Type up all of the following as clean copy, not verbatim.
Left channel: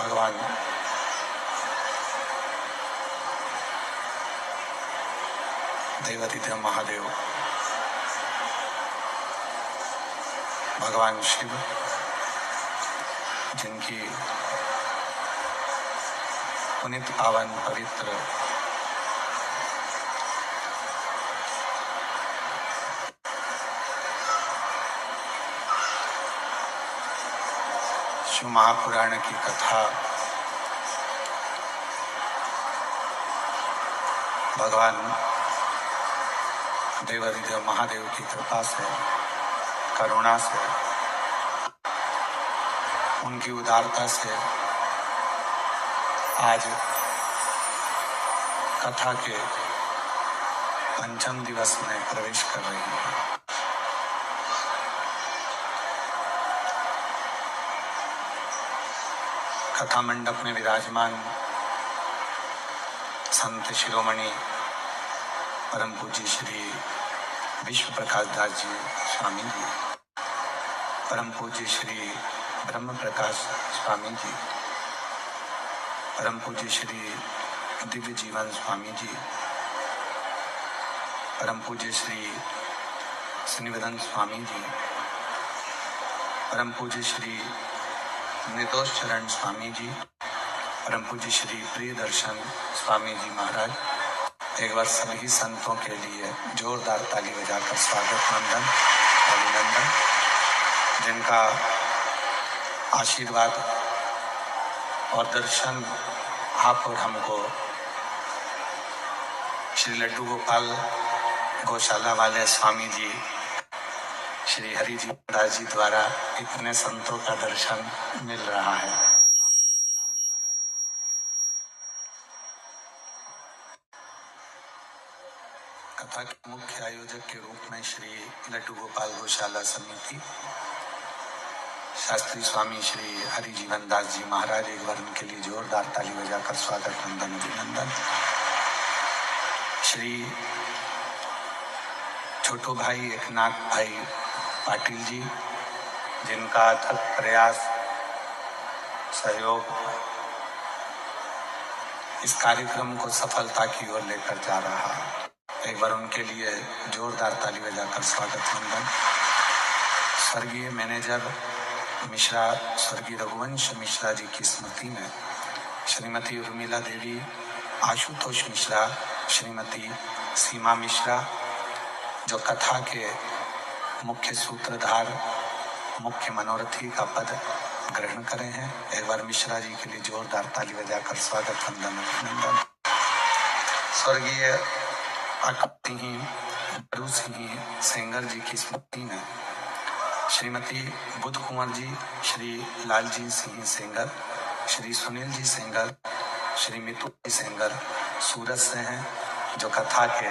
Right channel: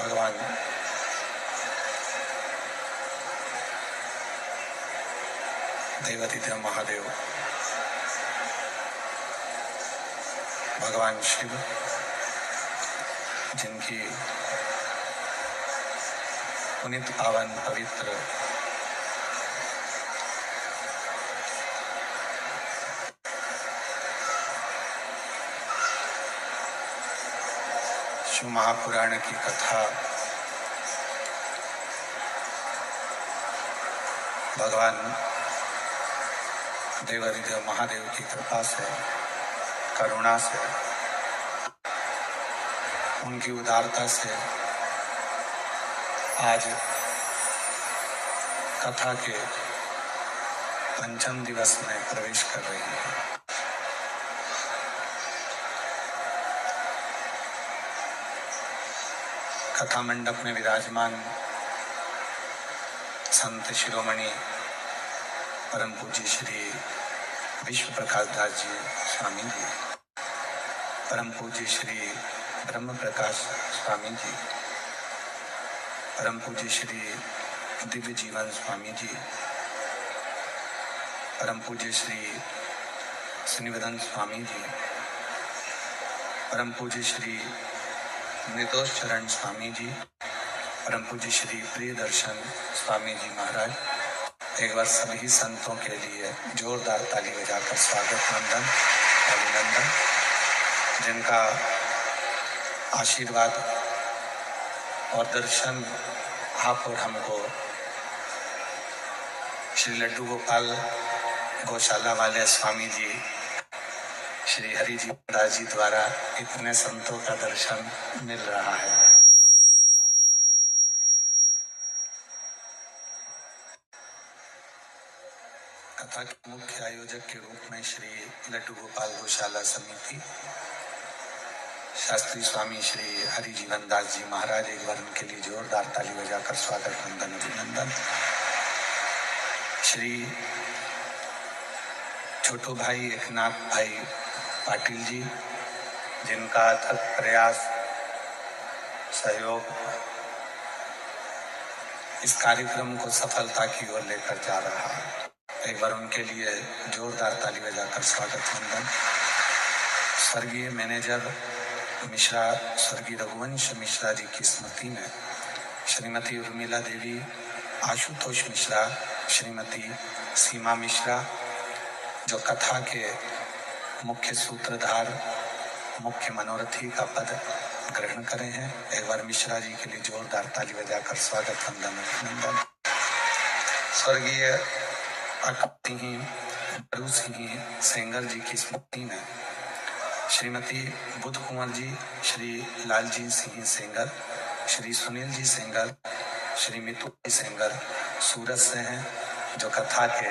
भगवान देवादिदेव महादेव, भगवान शिव, जिनकी पुनीत पावन पवित्र शिव महापुराण की कथा भगवान देवाधिदेव महादेव की कृपा से, करुणा से, उनकी उदारता से आज कथा के पंचम दिवस में प्रवेश कर रही है। कथा मंडप में विराजमान संत शिरोमणि परम पूज्य श्री विश्व प्रकाश दास जी स्वामी जी, परम पूज्य श्री ब्रह्म प्रकाश स्वामी जी, परम पूज्य श्री दिव्य जीवन स्वामी जी, परम पूज्य श्री श्रीनिवदन स्वामी जी, परम पूज्य श्री निर्दोष चरण स्वामी जी, परम पूज्य श्री प्रिय दर्शन स्वामी जी महाराज, एक बार सभी संतों के लिए जोरदार ताली बजाकर स्वागत वंदन अभिनंदन। जिनका आशीर्वाद और दर्शन आप और हमको श्री लड्डू गोपाल गौशाला वाले स्वामी जी श्री हरि जी दास जी द्वारा इतने संतों का दर्शन मिल रहा है। कथा के मुख्य आयोजक के रूप में श्री लड्डू गोपाल गौशाला समिति, शास्त्री स्वामी श्री हरि जीवन दास जी महाराज, एक बार उनके लिए जोरदार ताली बजाकर स्वागत वंदन अभिनंदन। श्री छोटू भाई एकनाथ भाई पाटिल जी, जिनका अथक प्रयास सहयोग इस कार्यक्रम को सफलता की ओर लेकर जा रहा है, एक बार उनके लिए जोरदार ताली बजाकर स्वागत वंदन। स्वर्गीय मैनेजर मिश्रा स्वर्गीय रघुवंश मिश्रा जी की स्मृति में श्रीमती उर्मिला देवी, आशुतोष मिश्रा, श्रीमती सीमा मिश्रा, जो कथा के मुख्य सूत्रधार, मुख्य मनोरथी का पद ग्रहण करे हैं, एक बार मिश्रा जी के लिए जोरदार ताली बजाकर स्वागत वंदन अभिनंदन। स्वर्गीय बरू सिंह सेंगर जी की स्मृति में श्रीमती बुद्ध कुंवर जी, श्री लालजी सिंह सेंगर, श्री सुनील जी सेंगर, श्री मितु जी सेंगर सूरत से हैं, जो कथा के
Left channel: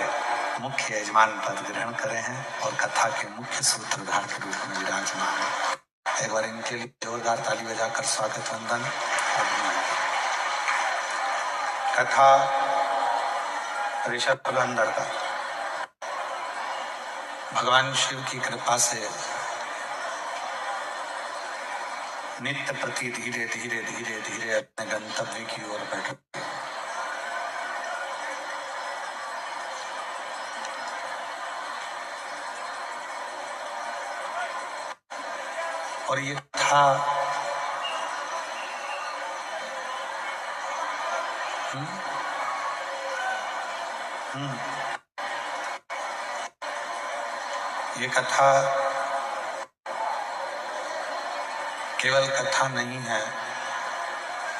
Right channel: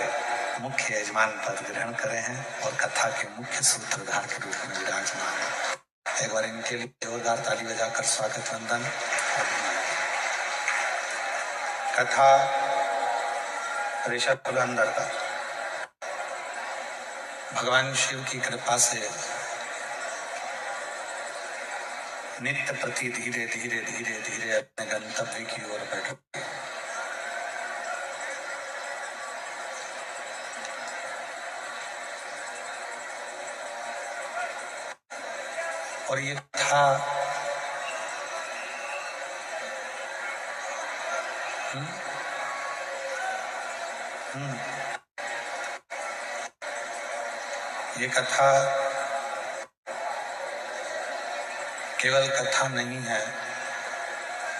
मुख्य यजमान पद ग्रहण करे हैं और कथा के मुख्य सूत्रधार के रूप में विराजमान है। एक बार इनके लिए जोरदार ताली बजाकर स्वागत वंदन अभिनंदन। कथा ऋषभ अंदर का भगवान शिव की कृपा से नित्य प्रति धीरे धीरे धीरे धीरे अपने गंतव्य की ओर बढ़ रही है। और ये था ये कथा केवल कथा नहीं है,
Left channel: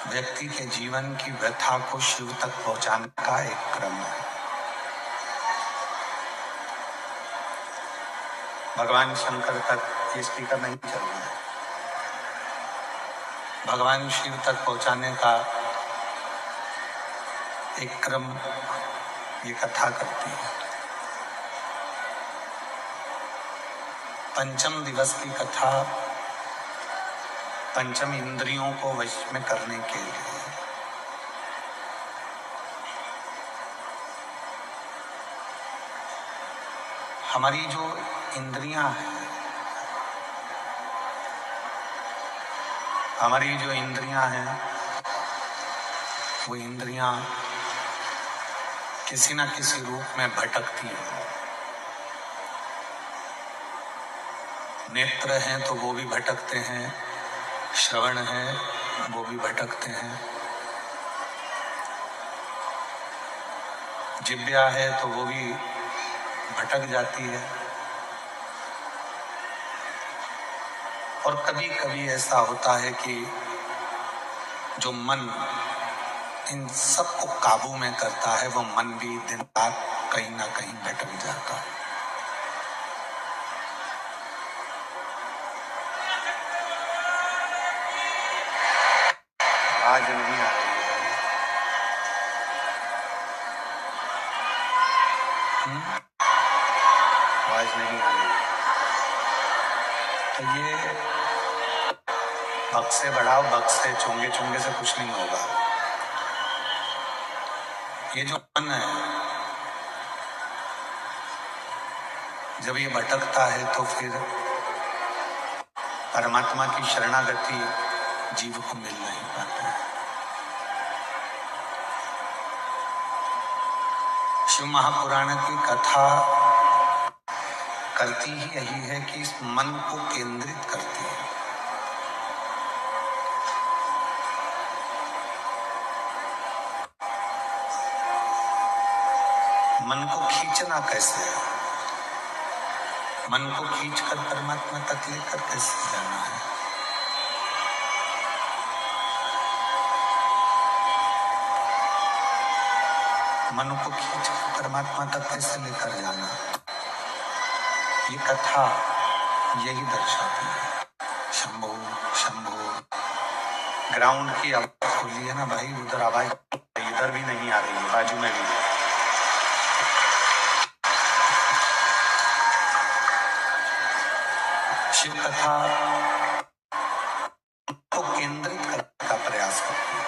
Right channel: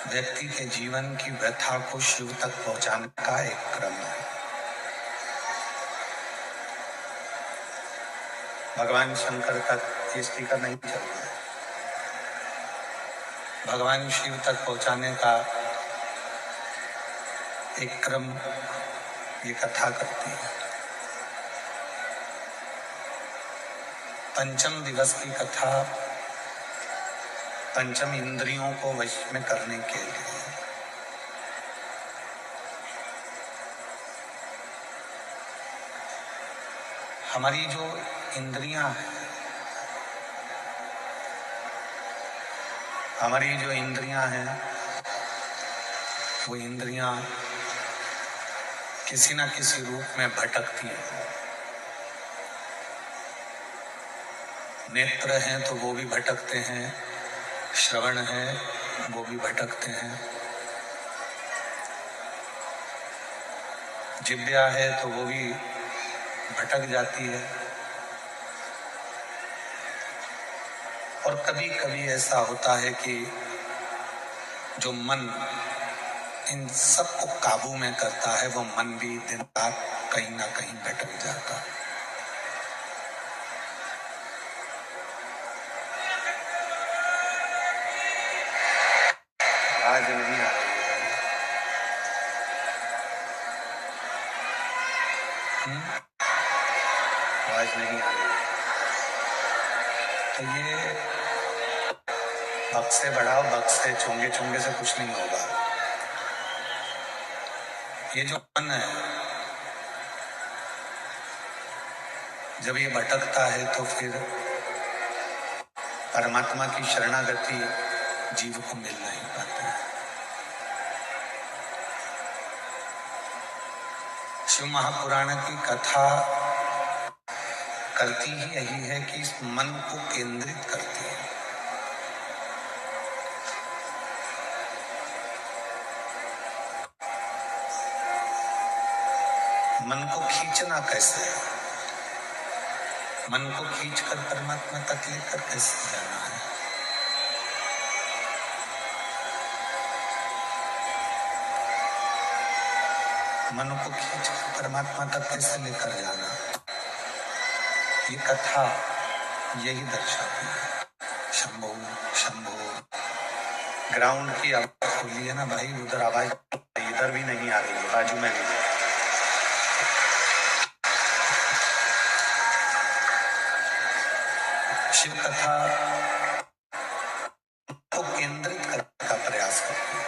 व्यक्ति के जीवन की व्यथा को शिव तक पहुंचाने का एक क्रम है। भगवान शंकर तक ये स्पीकर नहीं चल रहा है, भगवान शिव तक पहुंचाने का एक क्रम ये कथा करती है। पंचम दिवस की कथा पंचम इंद्रियों को वश में करने के लिए, हमारी जो इंद्रियां हैं, वो इंद्रियां किसी न किसी रूप में भटकती हैं। नेत्र हैं तो वो भी भटकते हैं, श्रवण है वो भी भटकते हैं, जिह्वा है तो वो भी भटक जाती है। और कभी कभी ऐसा होता है कि जो मन इन सबको काबू में करता है, वो मन भी दिन रात कहीं ना कहीं भटक जाता है। आज नहीं आ रही है। आवाज नहीं आ रही है। तो ये बक्से बढ़ाओ, बक्से चोंगे चोंगे से कुछ नहीं होगा। ये जो मन है, जब ये भटकता है तो फिर परमात्मा की शरणागति जीव को मिल नहीं पाती। शिव महापुराण की कथा करती ही यही है कि इस मन को केंद्रित करती है। मन को खींचना कैसे है, मन को खींचकर परमात्मा तक लेकर कैसे जाना है। मन को खींचकर परमात्मा तक कैसे लेकर जाना, ये कथा यही दर्शाती है। शंभो शंभो। ग्राउंड की आवाज खोली है ना भाई, उधर आवाज इधर भी नहीं आ रही है, बाजू में भी। शिव कथा को केंद्रित करने का प्रयास करती है,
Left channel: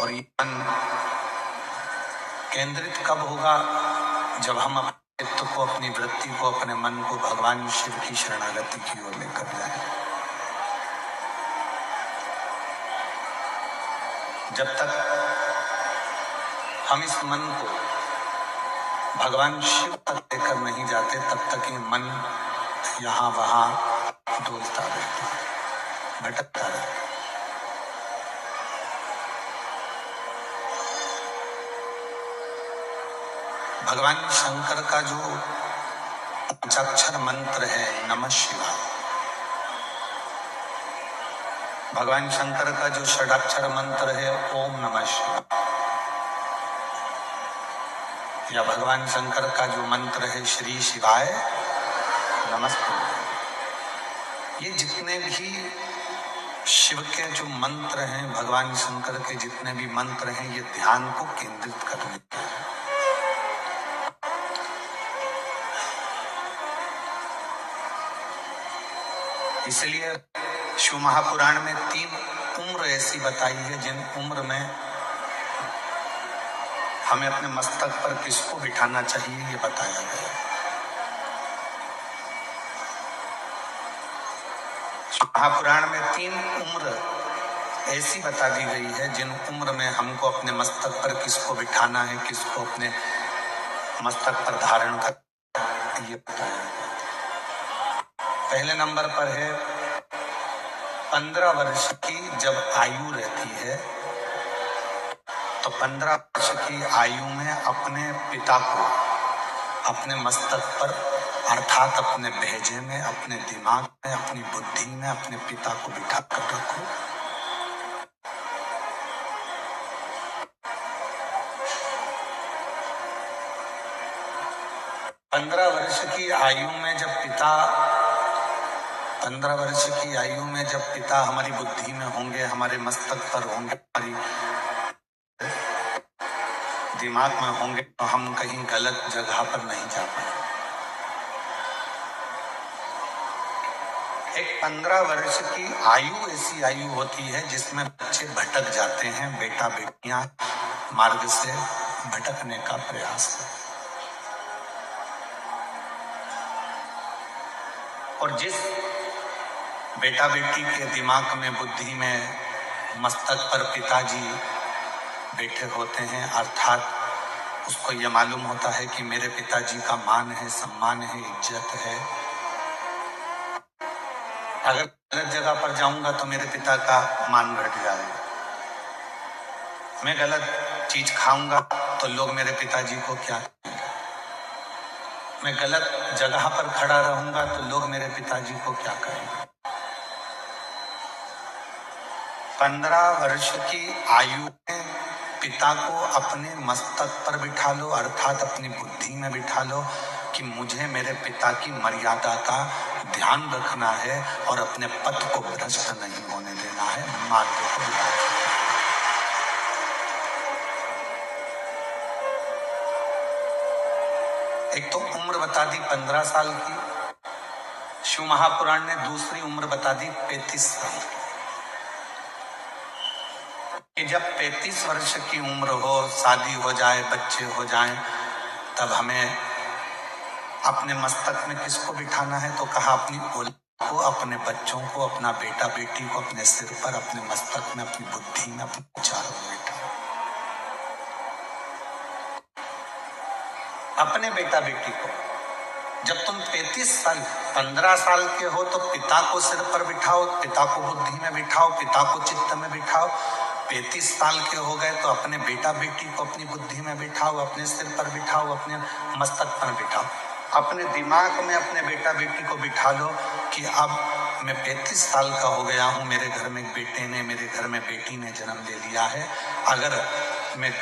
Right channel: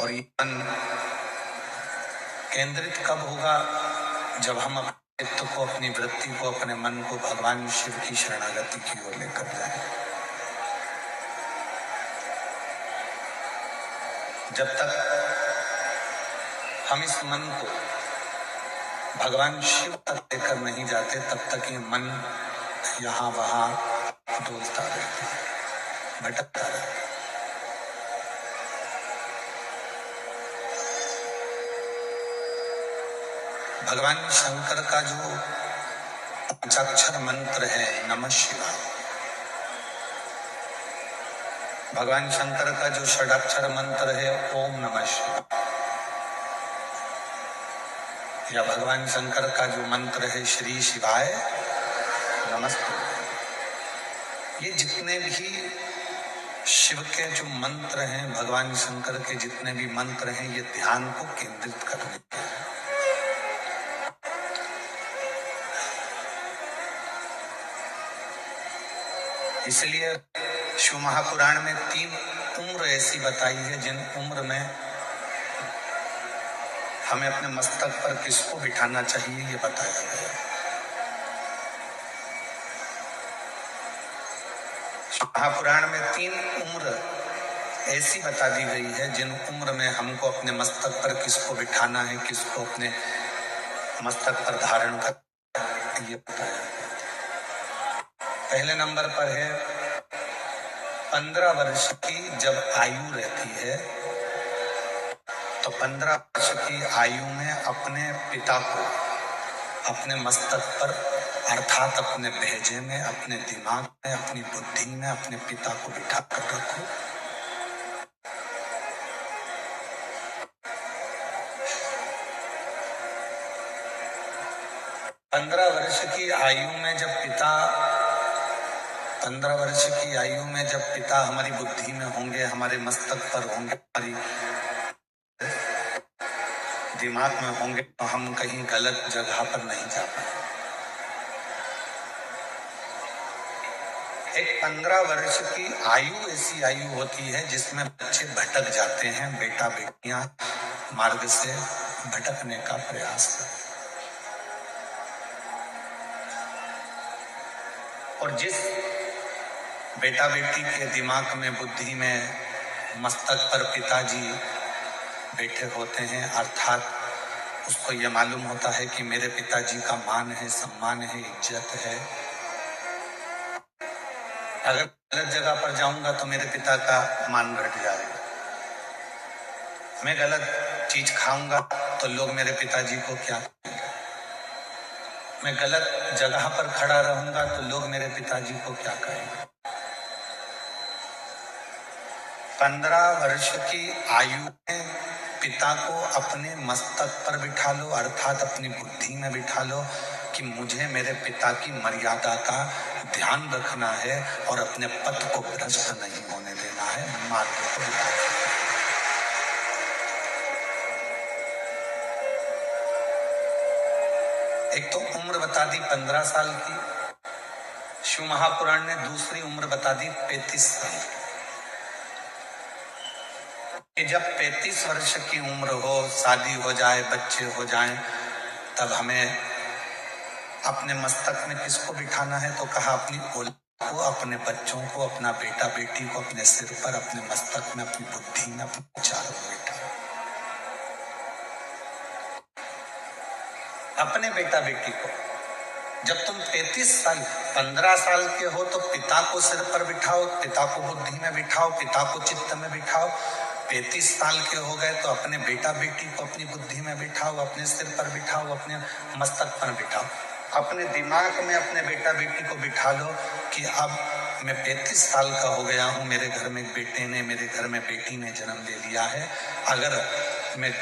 और ये मन केंद्रित कब होगा, जब हम अपने चित्त को, अपनी वृत्ति को, अपने मन को भगवान शिव की शरणागति की ओर लेकर जाए। जब तक हम इस मन को भगवान शिव तक लेकर नहीं जाते, तब तक ये मन यहाँ वहां डोलता रहता है, भटकता रहता है। भगवान शंकर का जो पंचाक्षर मंत्र है नमः शिवाय, भगवान शंकर का जो षडाक्षर मंत्र है ओम नमः शिवाय, या भगवान शंकर का जो मंत्र है श्री शिवाय नमस्ते, ये जितने भी शिव के जो मंत्र हैं, भगवान शंकर के जितने भी मंत्र हैं, ये ध्यान को केंद्रित करने के हैं। इसलिए शिव महापुराण में 3 उम्र ऐसी बताई है जिन उम्र में हमें अपने मस्तक पर किसको बिठाना चाहिए, ये बताया गया। महापुराण में 3 उम्र ऐसी बता दी गई है जिन उम्र में हमको अपने मस्तक पर किसको बिठाना है, किसको अपने मस्तक पर धारण कर, ये बताया गया। पहले नंबर पर है 15 वर्ष की जब आयु रहती है, तो 15 वर्ष की आयु में अपने पिता को अपने मस्तक पर, अर्थात अपने भेजे में, अपने दिमाग में, अपनी बुद्धि में अपने पिता को बिठा कर रखो। पंद्रह वर्ष की आयु में जब पिता 15 वर्ष की आयु में जब पिता हमारी बुद्धि में होंगे, हमारे मस्तक पर होंगे, हमारी दिमाग में होंगे, तो हम कहीं गलत जगह पर नहीं जा पाएंगे। एक 15 वर्ष की आयु ऐसी आयु होती है जिसमें बच्चे भटक जाते हैं, बेटा बेटियां मार्ग से भटकने का प्रयास करते हैं। और जिस बेटा बेटी के दिमाग में, बुद्धि में, मस्तक पर पिताजी बैठे होते हैं, अर्थात उसको यह मालूम होता है कि मेरे पिताजी का मान है, सम्मान है, इज्जत है, अगर गलत जगह पर जाऊंगा तो मेरे पिता का मान घट जाएगा, मैं गलत चीज खाऊंगा तो लोग मेरे पिताजी को क्या कहेंगे, मैं गलत जगह पर खड़ा रहूंगा तो लोग मेरे पिताजी को क्या कहेंगे। 15 वर्ष की आयु में पिता को अपने मस्तक पर बिठा लो, अर्थात अपनी बुद्धि में बिठा लो कि मुझे मेरे पिता की मर्यादा का ध्यान रखना है और अपने पथ को भ्रष्ट नहीं होने देना है, मार्ग को बिठा। एक तो उम्र बता दी 15 साल की, शिव महापुराण ने दूसरी उम्र बता दी 35 साल कि जब 35 वर्ष की उम्र हो, शादी हो जाए, बच्चे हो जाएं, तब हमें अपने मस्तक में किसको बिठाना है? तो कहा अपनी औलाद को, अपने बच्चों को, अपना बेटा बेटी को अपने सिर पर, अपने मस्तक में, अपनी बुद्धि में, अपने विचारों में बिठाओ। अपने बेटा बेटी को जब तुम 35 साल 15 साल के हो तो पिता को सिर पर बिठाओ, पिता को बुद्धि में बिठाओ, पिता को चित्त में बिठाओ। 35 साल के हो गए तो अपने बेटा बेटी को अपनी बुद्धि में बिठाओ, अपने सिर पर बिठाओ, अपने मस्तक पर बिठाओ। अपने दिमाग में अपने बेटा बेटी को बिठा लो कि अब मैं 35 साल का हो गया हूँ, मेरे घर में बेटे ने, मेरे घर में बेटी ने जन्म ले लिया है। अगर मैं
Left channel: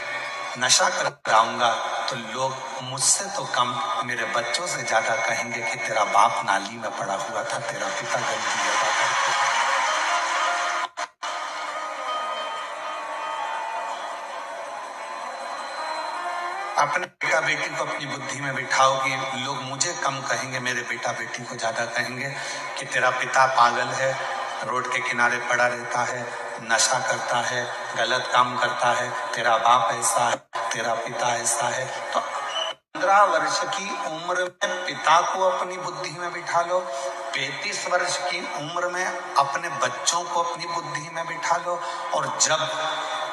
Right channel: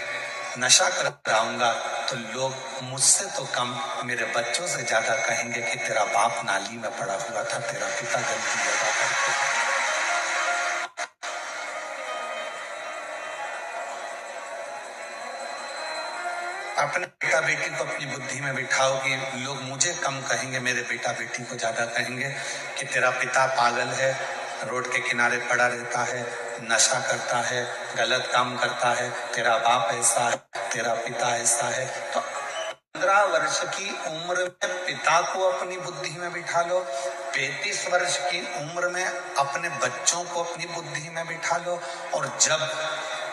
नशा कर आऊंगा तो लोग मुझसे तो कम मेरे बच्चों से ज्यादा कहेंगे कि तेरा बाप नाली में पड़ा हुआ था, तेरा पिता गंदी जगह करके। अपने बेटा बेटी को अपनी बुद्धि में बिठाओ कि लोग मुझे कम कहेंगे, मेरे बेटा बेटी को ज्यादा कहेंगे कि तेरा पिता पागल है, रोड के किनारे पड़ा रहता है, नशा करता है, गलत काम करता है, तेरा बाप ऐसा है, तेरा पिता ऐसा है। तो 15 वर्ष की उम्र में पिता को अपनी बुद्धि में बिठा लो, 35 वर्ष की उम्र में अपने बच्चों को अपनी बुद्धि में बिठा लो, और जब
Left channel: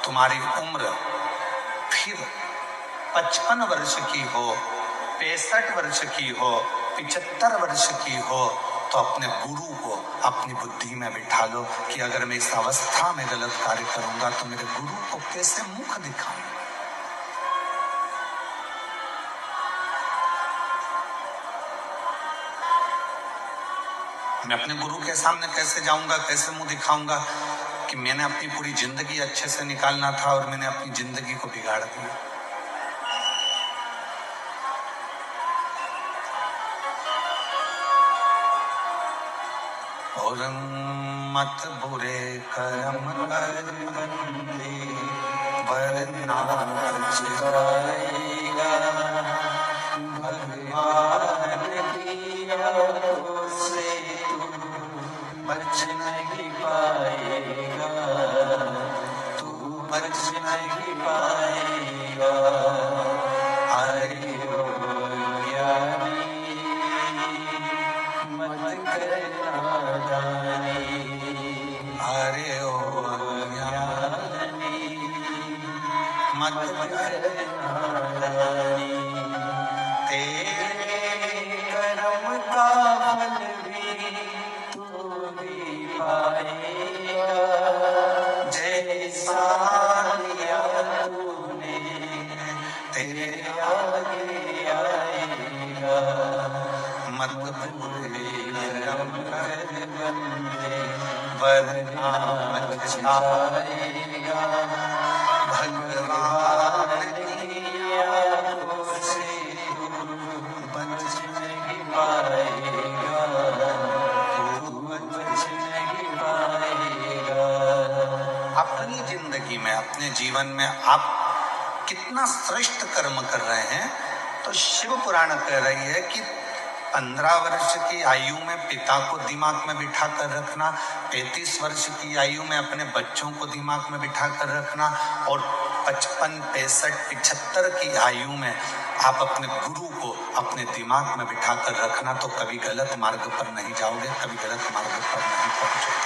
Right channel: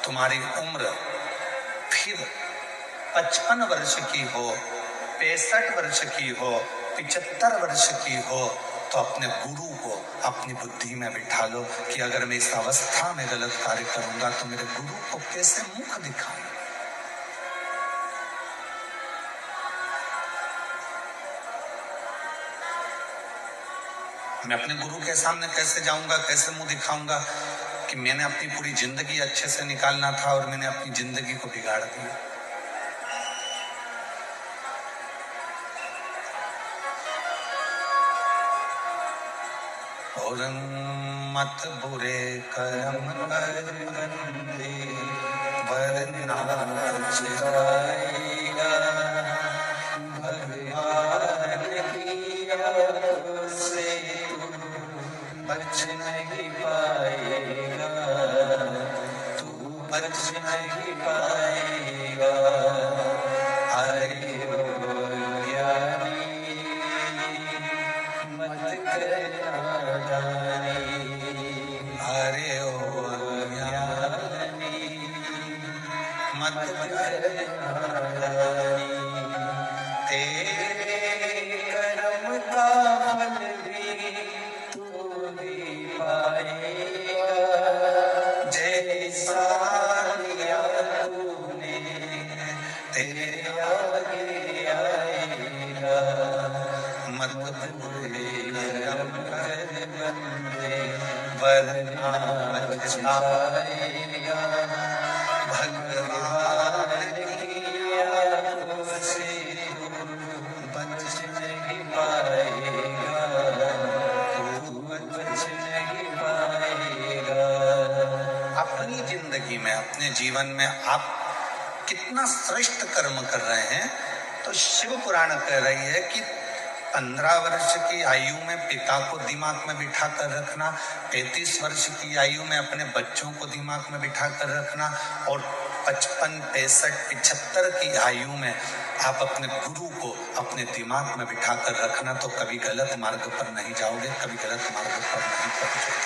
तुम्हारी उम्र फिर 55 वर्ष की हो, 65 वर्ष की हो, 75 वर्ष की हो, तो अपने गुरु को अपनी बुद्धि में बिठा लो कि अगर मैं इस अवस्था में गलत कार्य करूंगा तो मेरे गुरु को कैसे मुख दिखाऊं। मैं अपने गुरु के सामने कैसे जाऊंगा, कैसे मुंह दिखाऊंगा कि मैंने अपनी पूरी जिंदगी अच्छे से निकालना था और मैंने अपनी जिंदगी को बिगाड़ दिया। और मत बुरे कर्म कर बंदे वरना पछताएगा, भगवान की आंखों से तू बच नहीं पाएगा, तू बच नहीं पाएगा। हरे ओ ज्ञानी मत करना दानी, हरे ओ ज्ञानी मत करना दानी। तेरे कर्म का फल भी तू भी पाएगा, जैसा किया तूने तेरे आगे आएगा। मत बुरे कर्म कर बंदे वरना पछताएगा, भगवान की आंखों से तू बच नहीं पाएगा, तू बच नहीं पाएगा। अपनी जिंदगी में, अपने जीवन में आप कितना श्रेष्ठ कर्म कर रहे हैं, तो शिव पुराण कह रही है कि 15 वर्ष की आयु में पिता को दिमाग में बिठा कर रखना, 35 वर्ष की आयु में अपने बच्चों को दिमाग में बिठा कर रखना, और 55, 65, 75 की आयु में आप अपने गुरु को अपने दिमाग में बिठा कर रखना, तो कभी गलत मार्ग पर नहीं जाओगे, कभी गलत मार्ग पर नहीं पहुंचोगे।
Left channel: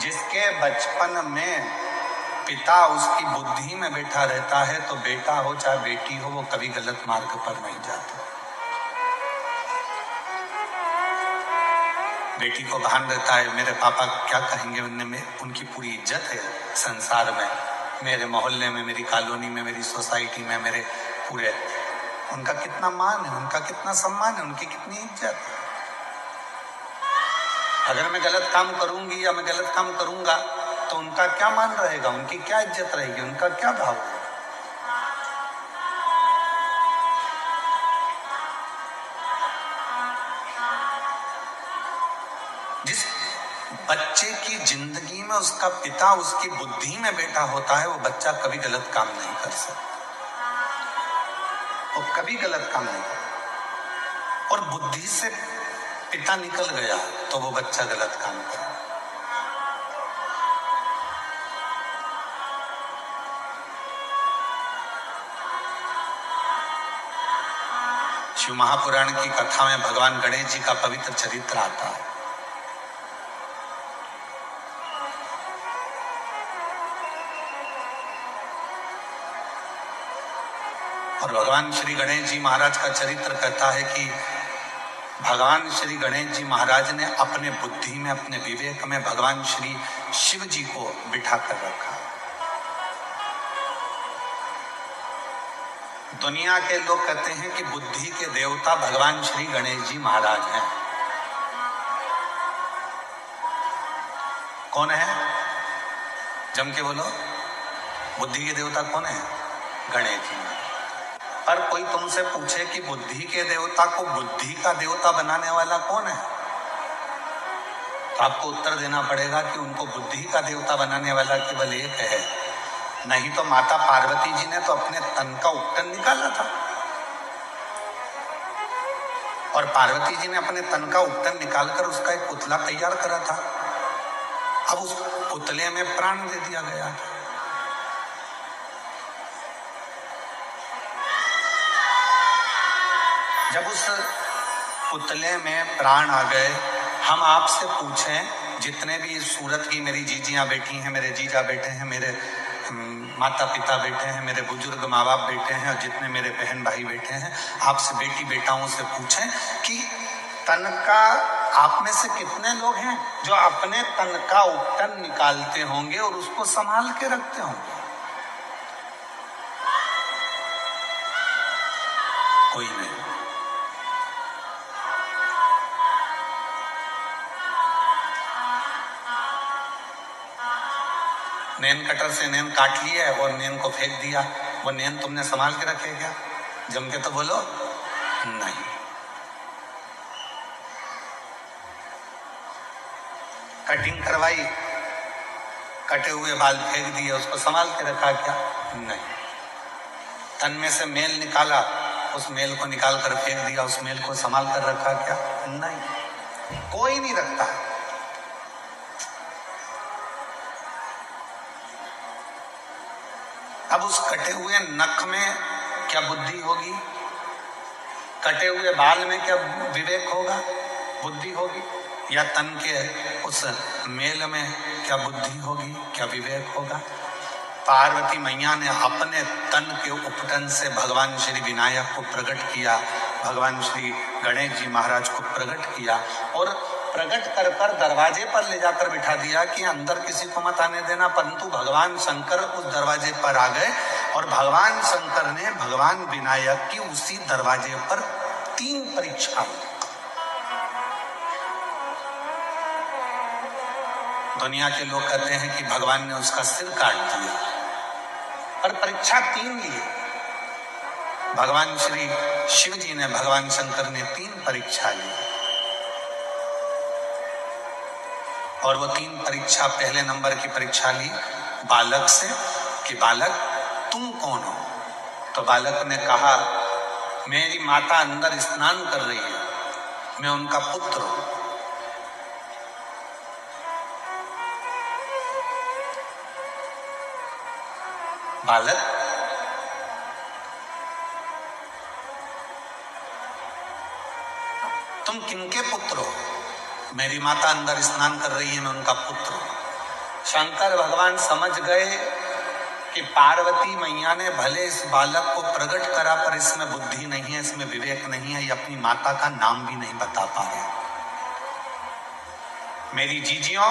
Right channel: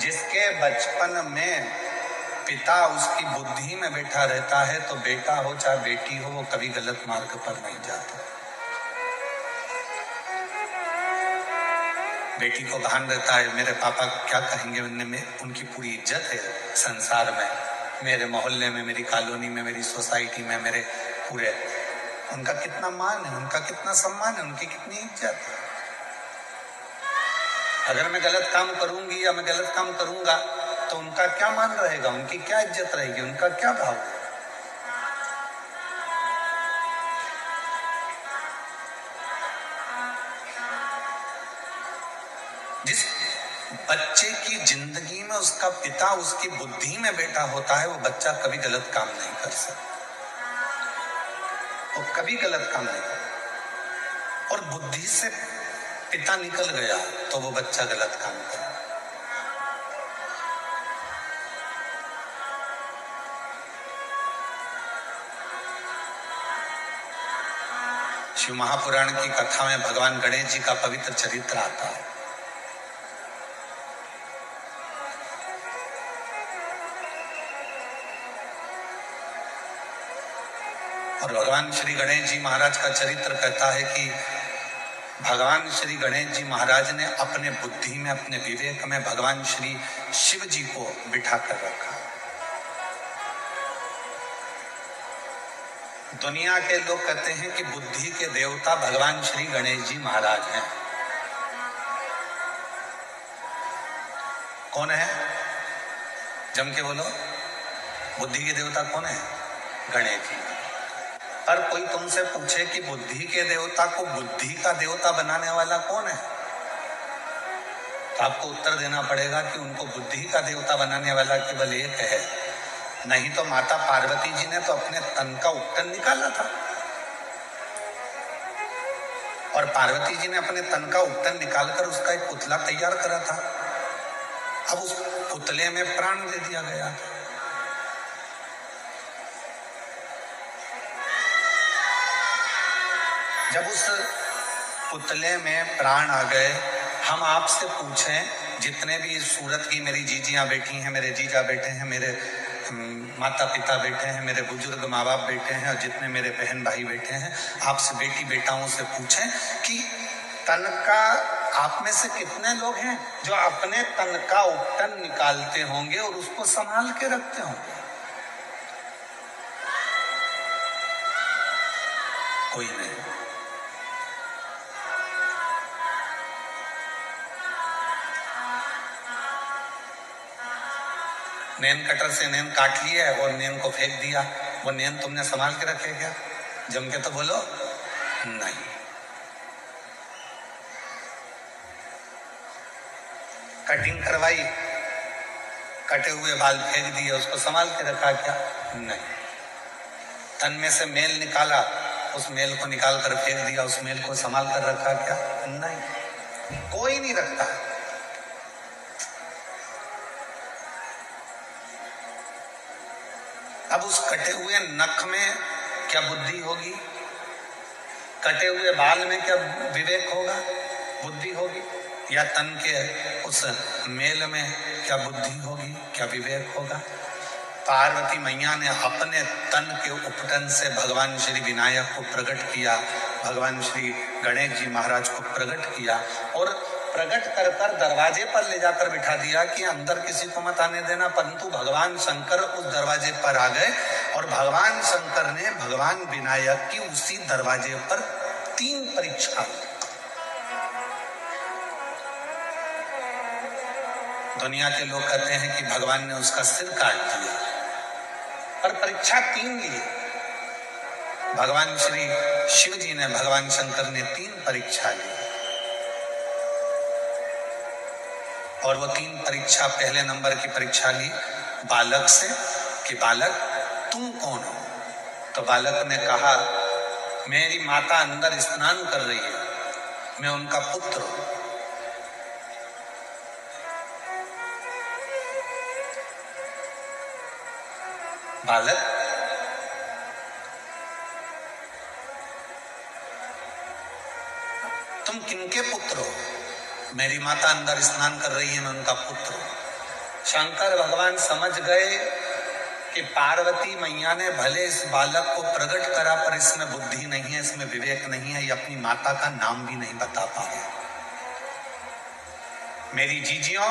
जिसके बचपन में पिता उसकी बुद्धि में बैठा रहता है, तो बेटा हो चाहे बेटी हो, वो कभी गलत मार्ग पर नहीं जाता। बेटी को भान रहता है मेरे पापा क्या कहेंगे, उनकी पूरी इज्जत है संसार में, मेरे मोहल्ले में, मेरी कॉलोनी में, मेरी सोसाइटी में, मेरे पूरे, उनका कितना मान है, उनका कितना सम्मान है, उनकी कितनी इज्जत है। अगर मैं गलत काम करूंगी या मैं गलत काम करूंगा तो उनका क्या मान रहेगा, उनकी क्या इज्जत रहेगी, उनका क्या भाव रहेगा। जिस बच्चे की जिंदगी में उसका पिता उसकी बुद्धि में बैठा होता है, वो बच्चा कभी गलत काम नहीं कर सकता, वो कभी गलत काम नहीं कर। और बुद्धि से पिता निकल गया तो वो बच्चा गलत काम करे। शिव महापुराण की कथा में भगवान गणेश जी का पवित्र चरित्र आता है। और भगवान श्री गणेश जी महाराज का चरित्र कहता है कि भगवान श्री गणेश जी महाराज ने अपने बुद्धि में, अपने विवेक में भगवान श्री शिव जी को बिठा कर रखा। दुनिया के लोग कहते हैं कि बुद्धि के देवता भगवान श्री गणेश जी महाराज हैं। कौन है? जम के बोलो, बुद्धि के देवता कौन है? गणेश जी। पर कोई तुमसे पूछे कि बुद्धि के देवता को बुद्धि का देवता बनाने वाला कौन है, तो आपको उत्तर देना पड़ेगा कि उनको बुद्धि का देवता बनाने वाला केवल एक है। नहीं तो माता पार्वती जी ने तो अपने तन का उपटन निकाला था, और पार्वती जी ने अपने तन का उपटन निकालकर उसका एक पुतला तैयार करा था। अब उस पुतले में प्राण दे दिया गया था। जब उस पुतले में प्राण आ गए, हम आपसे पूछें, जितने भी इस सूरत की मेरी जीजियां बैठी हैं, मेरे जीजा बैठे हैं, मेरे माता पिता बैठे हैं, मेरे बुजुर्ग माँ बाप बैठे हैं, और जितने मेरे बहन भाई बैठे हैं, आपसे बेटी बेटाओं से पूछें कि तन का आप में से कितने लोग हैं जो अपने तन का उपटन निकालते होंगे और उसको संभाल के रखते होंगे? कोई नहीं। नेन कटर से नेन काट लिया और नेन को फेंक दिया, वो नेन तुमने संभाल के रखे क्या? जम के तो बोलो नहीं। कटिंग करवाई, कटे हुए बाल फेंक दिए, उसको संभाल के रखा क्या? नहीं। तन में से मेल निकाला, उस मेल को निकाल कर फेंक दिया, उस मेल को संभाल कर रखा क्या? नहीं, कोई नहीं रखता। अब उस कटे हुए नख में क्या बुद्धि होगी? कटे हुए बाल में क्या विवेक होगा, बुद्धि होगी? या तन के उस मेल में क्या बुद्धि होगी, क्या विवेक होगा? पार्वती मैया ने अपने तन के उपटन से भगवान श्री विनायक को प्रकट किया, भगवान श्री गणेश जी महाराज को प्रकट किया, और प्रकट कर कर दरवाजे पर ले जाकर बिठा दिया कि अंदर किसी को मत आने देना। परंतु भगवान शंकर उस दरवाजे पर आ गए, और भगवान शंकर ने भगवान विनायक की उसी दरवाजे पर 3 परीक्षा। दुनिया के लोग कहते हैं कि भगवान ने उसका सिर काट दिया, पर परीक्षा 3 ली। भगवान श्री शिव जी ने, भगवान शंकर ने 3 परीक्षा ली, और वो 3 परीक्षा, पहले नंबर की परीक्षा ली बालक से कि बालक तुम कौन हो? तो बालक ने कहा, मेरी माता अंदर स्नान कर रही है, मैं उनका पुत्र हूं। बालक, तुम किनके पुत्र हो? मेरी माता अंदर स्नान कर रही है, मैं उनका पुत्र हूं। शंकर भगवान समझ गए कि पार्वती मैया ने भले इस बालक को प्रकट करा, पर इसमें बुद्धि नहीं है, इसमें विवेक नहीं है, ये अपनी माता का नाम भी नहीं बता पा रहे। मेरी जीजियों,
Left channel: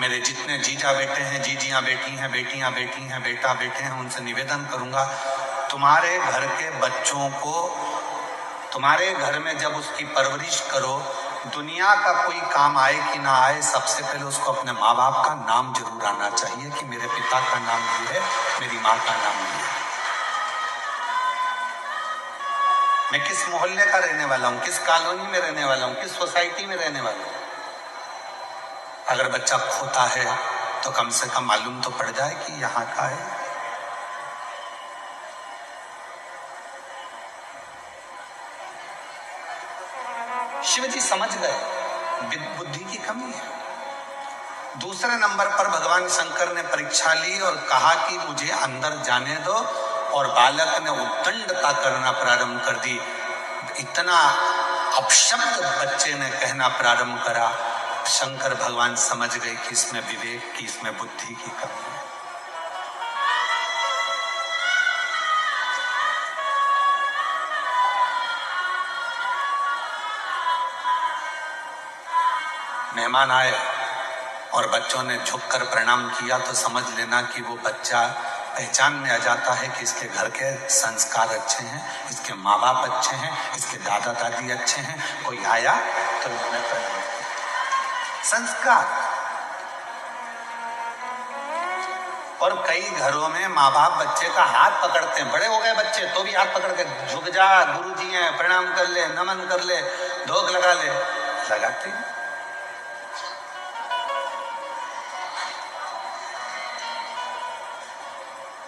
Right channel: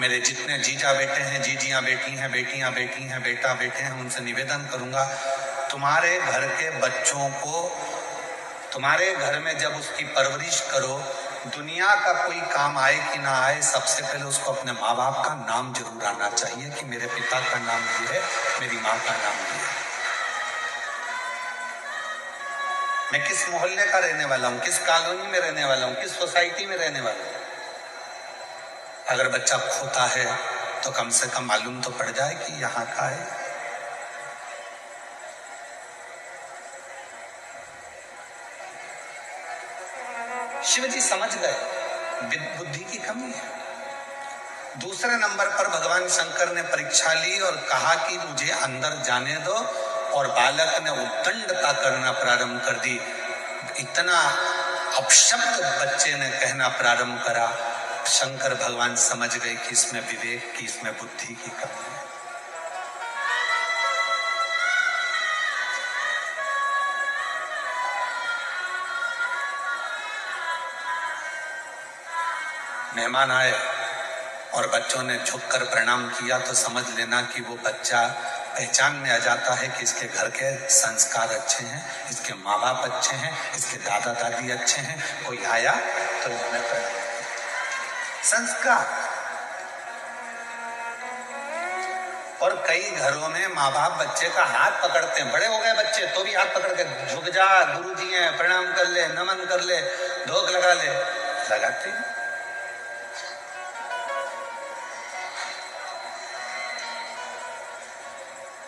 मेरे जितने जीजा बेटे हैं, जीजियां बेटी हैं, बेटियां बेटी हैं, बेटा बेटे हैं, उनसे निवेदन करूंगा, तुम्हारे घर के बच्चों को, तुम्हारे घर में जब उसकी परवरिश करो दुनिया का कोई काम आए कि ना आए, सबसे पहले उसको अपने माँ बाप का नाम जरूर आना चाहिए कि मेरे पिता का नाम ये है, मेरी माँ का नाम ये है। मैं किस मोहल्ले का रहने वाला हूँ, किस कॉलोनी में रहने वाला हूँ, किस सोसाइटी में रहने वाला हूँ। अगर बच्चा खोता है तो कम से कम मालूम तो पड़ जाए कि यहाँ का है। शिवजी समझ गए बुद्धि की कमी है। दूसरे नंबर पर भगवान शंकर ने परीक्षा ली और कहा कि मुझे अंदर जाने दो, और बालक ने उद्दंडता करना प्रारंभ कर दी। इतना अपशब्द बच्चे ने कहना प्रारंभ करा, शंकर भगवान समझ गए कि इसमें विवेक की, इसमें बुद्धि की कमी है। मेहमान आए और बच्चों ने झुककर प्रणाम किया तो समझ लेना कि वो बच्चा पहचान में आ जाता है कि इसके घर के संस्कार अच्छे हैं, इसके माँ बाप अच्छे हैं, इसके दादा दादी अच्छे हैं। कोई आया तो उन्होंने प्रणाम किया। संस्कार। और कई घरों में माँ बाप बच्चे का हाथ पकड़ते हैं, बड़े हो गए बच्चे तो भी हाथ पकड़ के झुक जा, गुरुजी हैं, प्रणाम कर ले, नमन कर ले, धोख लगा ले, लगाते हैं।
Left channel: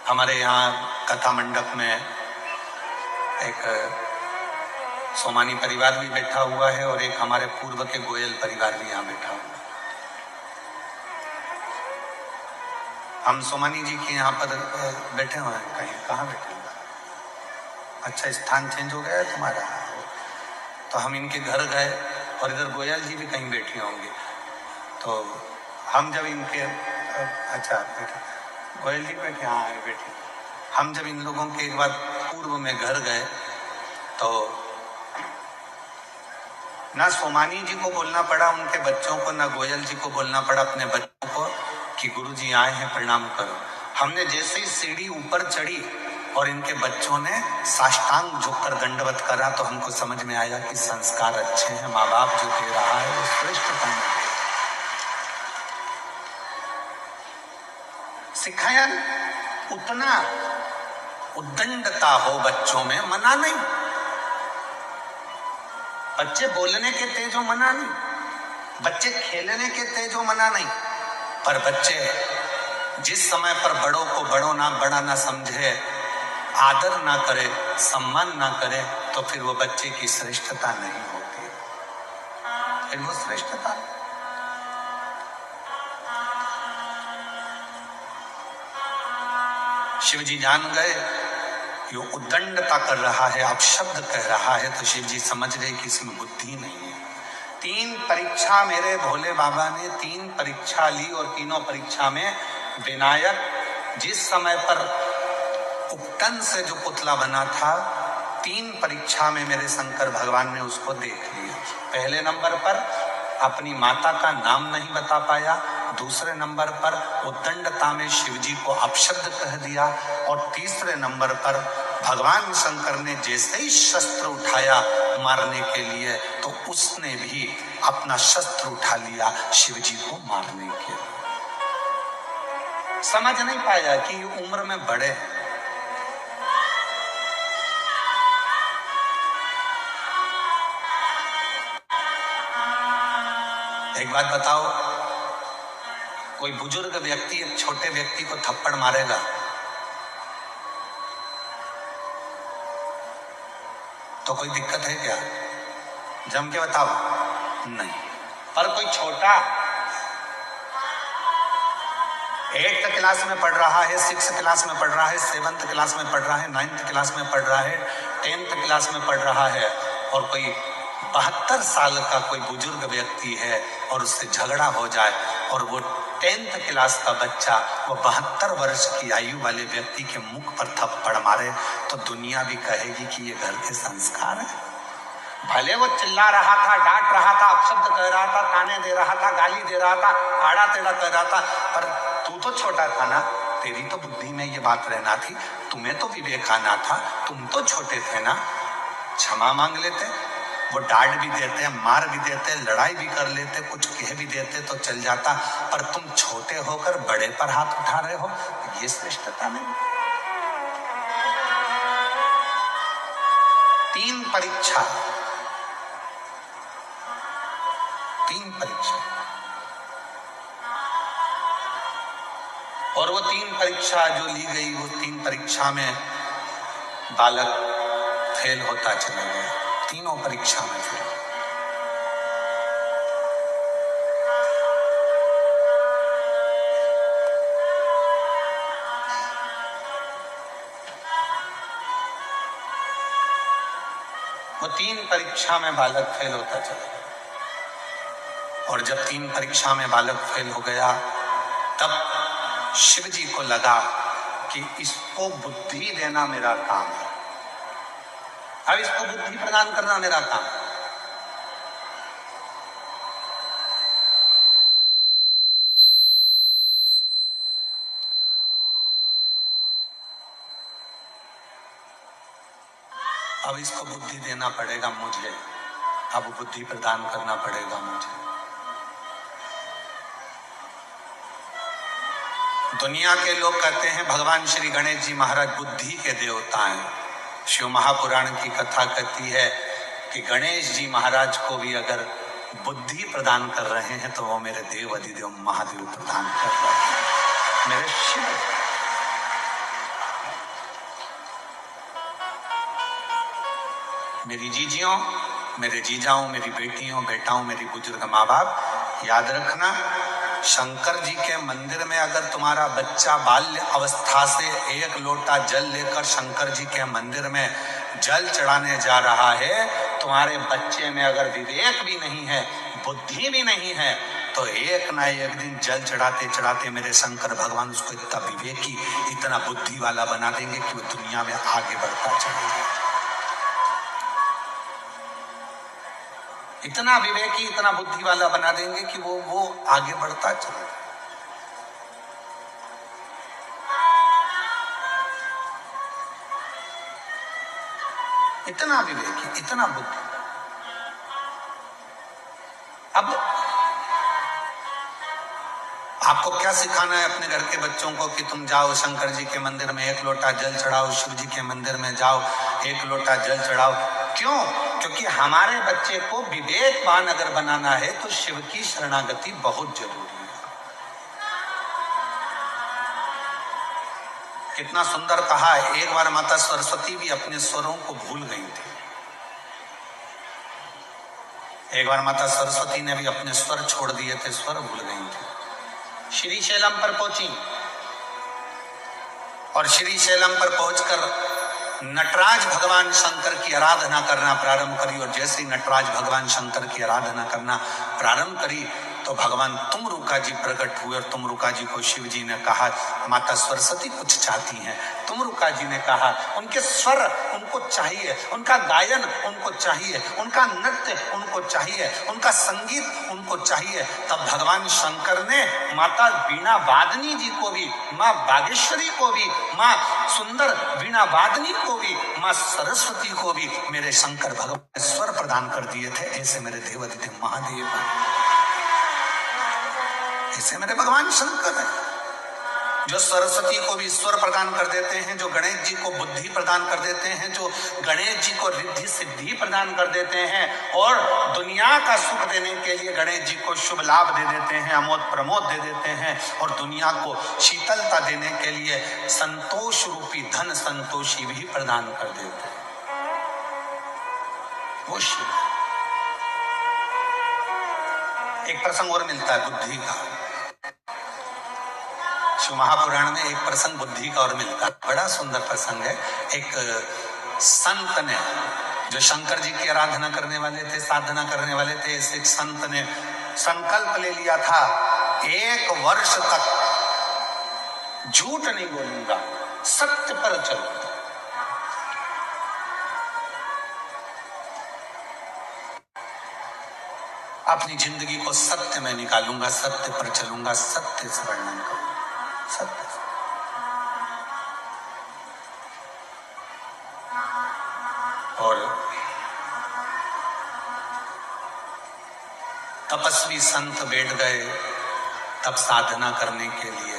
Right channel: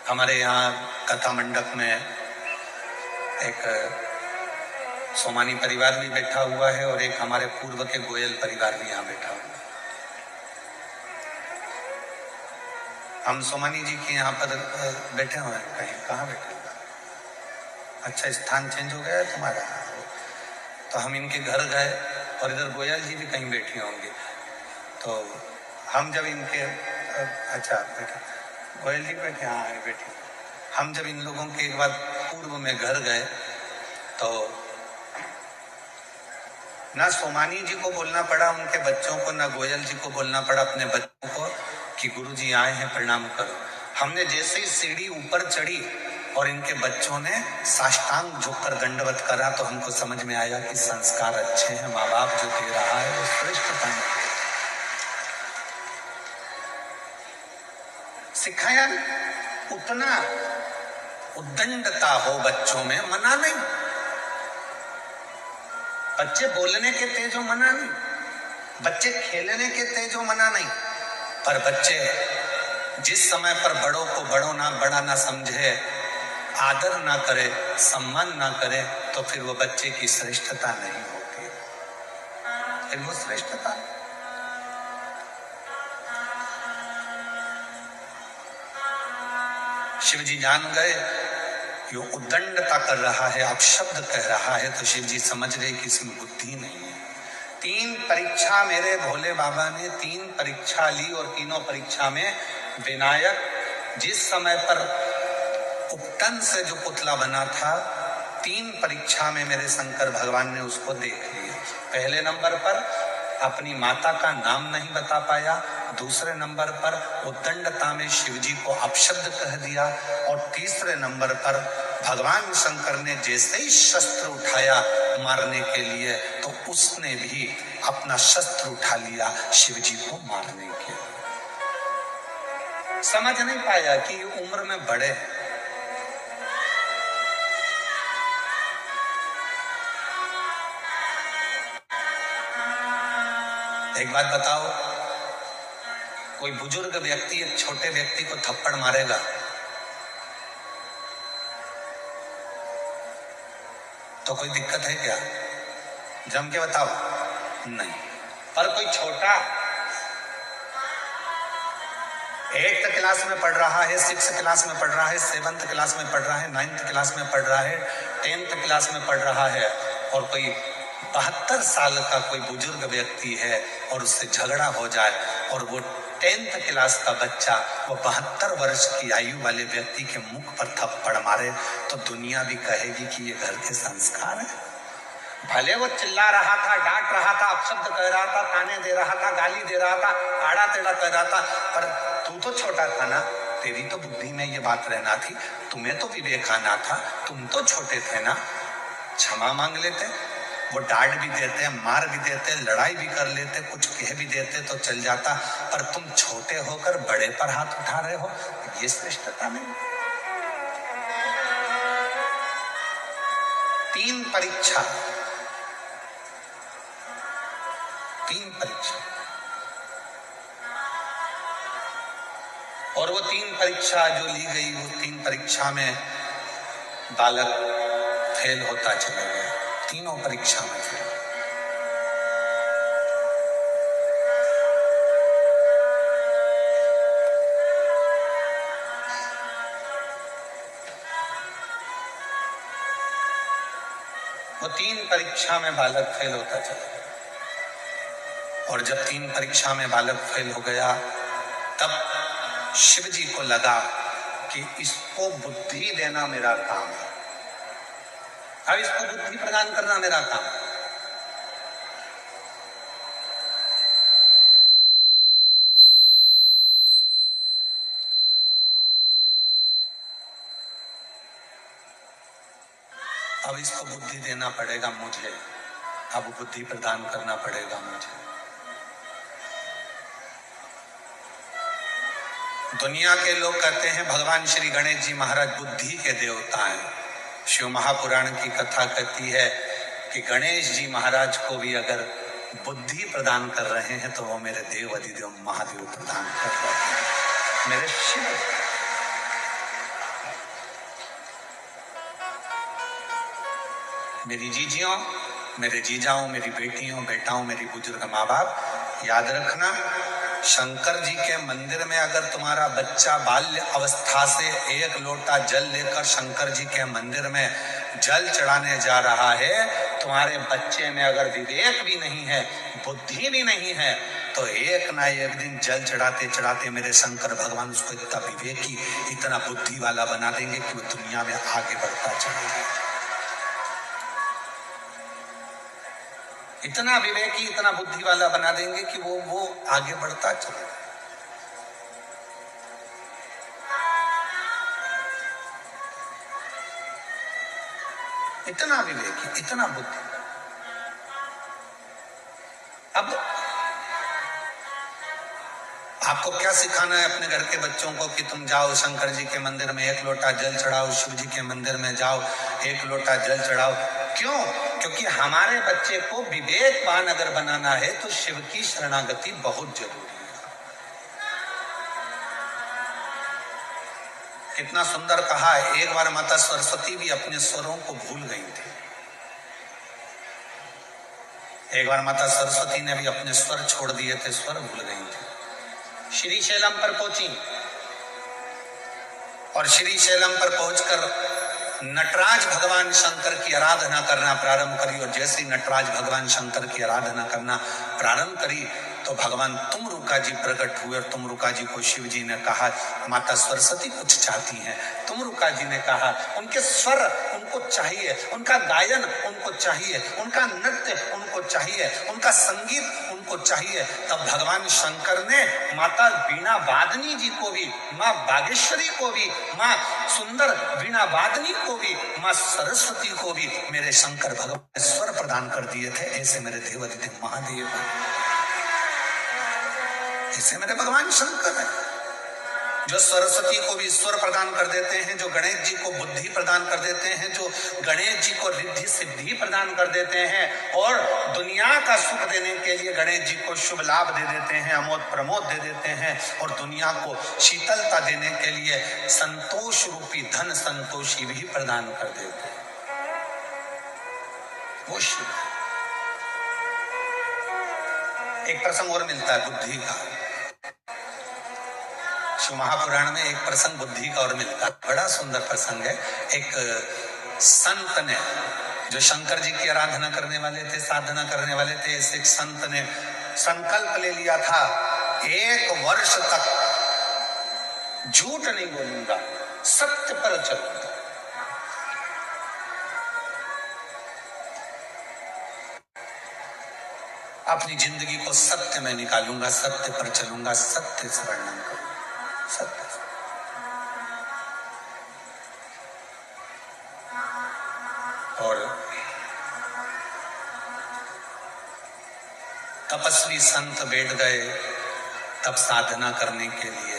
हमारे यहाँ कथा मंडप में एक सोमानी परिवार भी बैठा हुआ है और एक हमारे पूर्व के गोयल परिवार भी यहाँ बैठा हुआ है। हम सोमानी जी के यहाँ पर बैठे हुए हैं। कहीं कहाँ बैठे हुए? अच्छा, स्थान चेंज हो गया है तुम्हारा। तो हम इनके घर गए और इधर गोयल जी भी कहीं बैठे होंगे। तो हम जब इनके अच्छा बैठे गोयल जी बैठे, हाँ बैठे। हम जब इन लोगों के एक बार पूर्व में घर गए तो ना सोमानी जी को बोलना पड़ा उनके बच्चों को, ना गोयल जी को बोलना पड़ा अपने बच्चों को कि गुरुजी आए हैं, प्रणाम करो। हमने जैसे ही सीढ़ी ऊपर चढ़ी और इनके बच्चों ने साष्टांग झुककर दंडवत करा तो हमको समझ में आया कि संस्कार अच्छे हैं, माँ बाप जो दे रहा है वो श्रेष्ठता में सिखाया। उतना उद्दंडता हो बच्चों में, मना नहीं। बच्चे बोलने के तेज हो, मना नहीं। बच्चे खेलने के तेज हो, मना नहीं। पर बच्चे जिस समय पर बड़ों को बड़ा ना समझे, आदर ना करे, सम्मान ना करे, तो फिर वो बच्चे की श्रेष्ठता नहीं होती। फिर वो श्रेष्ठता शिवजी जान गए ये उद्दंडता कर रहा है, अपशब्द कह रहा है, तो शिवजी समझ गए कि इसमें बुद्धि नहीं है। 3 परीक्षा मेरे भोले बाबा ने 3 परीक्षा ली और तीनों परीक्षा में विनायक जिस समय पर उपटन से जो पुतला बना था, 3 परीक्षा में मेरे शंकर भगवान ने उसको देख लिया। पहले नंबर पर अपनी माता का नाम नहीं बता पाया, दूसरे नंबर पर उद्दंडता में शिवजी को अपशब्द कह दिया, और तीसरे नंबर पर भगवान शंकर ने जैसे ही शस्त्र उठाया मारने के लिए तो उसने भी अपना शस्त्र उठा लिया शिवजी को मारने के लिए। समझ नहीं पाया कि उम्र में बड़े हैं। एक बात बताओ, कोई बुजुर्ग व्यक्ति एक छोटे व्यक्ति को थप्पड़ मारेगा तो कोई दिक्कत है क्या? जम के बताओ, नहीं। पर कोई छोटा 8th क्लास में पढ़ रहा है, 6th क्लास में पढ़ रहा है, 7th क्लास में पढ़ रहा है, 9th क्लास में पढ़ रहा है, 10th क्लास में पढ़ रहा है, और कोई 72 साल का कोई बुजुर्ग व्यक्ति है और उससे झगड़ा हो जाए और वो 10th क्लास का बच्चा वो 72 वर्ष की आयु वाले व्यक्ति के मुख पर थप्पड़ मारे तो दुनिया भी कहेगी कि ये घर के संस्कार है। भले वो चिल्ला रहा था, डांट रहा था, अपशब्द कह रहा था, ताने दे रहा था, गाली दे रहा था, आड़ा टेढ़ा कह रहा था, पर तू तो छोटा था ना, तेरी तो बुद्धि में ये बात रहना थी, तुम्हें तो विवेक आना था, तुम तो छोटे थे ना, क्षमा मांग लेते। वो डांट भी देते, मार भी देते, लड़ाई भी कर लेते, कुछ कह भी देते तो चल जाता, पर तुम छोटे होकर बड़े पर हाथ उठा रहे हो, ये श्रेष्ठता नहीं। 3 परीक्षा, 3 परीक्षा, और वो 3 परीक्षा जो ली गई, वो 3 परीक्षा में बालक फेल होता चला गया, तीनों परीक्षा में फेल। वो 3 परीक्षा में बालक फेल होता चला गया, और जब 3 परीक्षा में बालक फेल हो गया, तब शिव जी को लगा कि इसको बुद्धि देना मेरा काम है, अब इसको बुद्धि प्रदान करना मेरा काम है। अब इसको बुद्धि देना पड़ेगा मुझे, अब बुद्धि प्रदान करना पड़ेगा मुझे। दुनिया के लोग कहते हैं भगवान श्री गणेश जी महाराज बुद्धि के देवता हैं। शिव महापुराण की कथा कहती है कि गणेश जी महाराज को भी अगर बुद्धि प्रदान कर रहे हैं तो वो मेरे देव अधिदेव महादेव प्रदान कर रहे हैं, मेरे शिव। मेरी जीजियों, मेरे जीजाओं, मेरी बेटियों, बेटाओं, मेरी बुजुर्ग माँ बाप, याद रखना, शंकर जी के मंदिर में अगर तुम्हारा बच्चा बाल्य अवस्था से 1 लोटा जल लेकर शंकर जी के मंदिर में जल चढ़ाने जा रहा है, तुम्हारे बच्चे में अगर विवेक भी नहीं है, बुद्धि भी नहीं है, तो एक ना एक दिन जल चढ़ाते चढ़ाते मेरे शंकर भगवान उसको इतना विवेकी, इतना बुद्धि वाला बना देंगे कि वो दुनिया में आगे बढ़ता चलेगा। इतना विवेकी, इतना बुद्धि वाला बना देंगे कि वो आगे बढ़ता चलेगा। इतना विवेकी, इतना बुद्धि। अब आपको क्या सिखाना है अपने घर के बच्चों को कि तुम जाओ शंकर जी के मंदिर में 1 लोटा जल चढ़ाओ, शिव जी के मंदिर में जाओ 1 लोटा जल चढ़ाओ। क्यों? क्योंकि हमारे बच्चे को विवेकवान अगर बनाना है तो शिव की शरणागति बहुत जरूरी है। कितना सुंदर कहा है, एक बार माता सरस्वती भी अपने स्वरों को भूल गई थी। एक बार माता सरस्वती ने भी अपने स्वर छोड़ दिए थे, स्वर भूल गई थी। श्रीशैलम पर पहुंची और श्रीशैलम पर पहुंचकर नटराज भगवान शंकर की आराधना करना प्रारंभ करी, और जैसे ही नटराज भगवान शंकर की आराधना करना प्रारंभ करी तो भगवान तुमरुका जी प्रकट हुए, और तुमरुका जी को शिव जी ने कहा माता सरस्वती कुछ चाहती हैं। तुमरुका जी ने कहा उनके स्वर उनको चाहिए, उनका गायन उनको चाहिए, उनका नृत्य उनको चाहिए, उनका संगीत उनको चाहिए। तब भगवान शंकर ने माता वीणा वादनी जी को भी, माँ बागेश्वरी को भी, माँ सुंदर वीणा वादनी को भी, माँ सरस्वती को भी मेरे शंकर भगवान स्वर प्रदान कर दिए थे। ऐसे मेरे देवाधिदेव महादेव, ऐसे मेरे भगवान शंकर है जो सरस्वती को भी स्वर प्रदान कर देते हैं, जो गणेश जी को बुद्धि प्रदान कर देते हैं, जो गणेश जी को रिद्धि सिद्धि प्रदान कर देते हैं, और दुनिया का सुख देने के लिए गणेश जी को शुभ लाभ दे देते हैं, अमोद प्रमोद दे देते हैं, और दुनिया को शीतलता देने के लिए संतोष रूपी धन संतोषी भी प्रदान कर देते हैं। वो शिव। एक प्रसंग और मिलता है बुद्धि का, शिव महापुराण में एक प्रसंग बुद्धि का और मिलता है, बड़ा सुंदर प्रसंग है। एक संत ने, जो शंकर जी की आराधना करने वाले थे, साधना करने वाले थे, ऐसे एक संत ने संकल्प ले लिया था 1 वर्ष तक झूठ नहीं बोलूंगा, सत्य पर चलूंगा। अपनी जिंदगी को सत्य में निकालूंगा, सत्य पर चलूंगा, सत्य से वर्णन करूंगा, सत्य से। और तपस्वी संत बैठ गए तब साधना करने के लिए,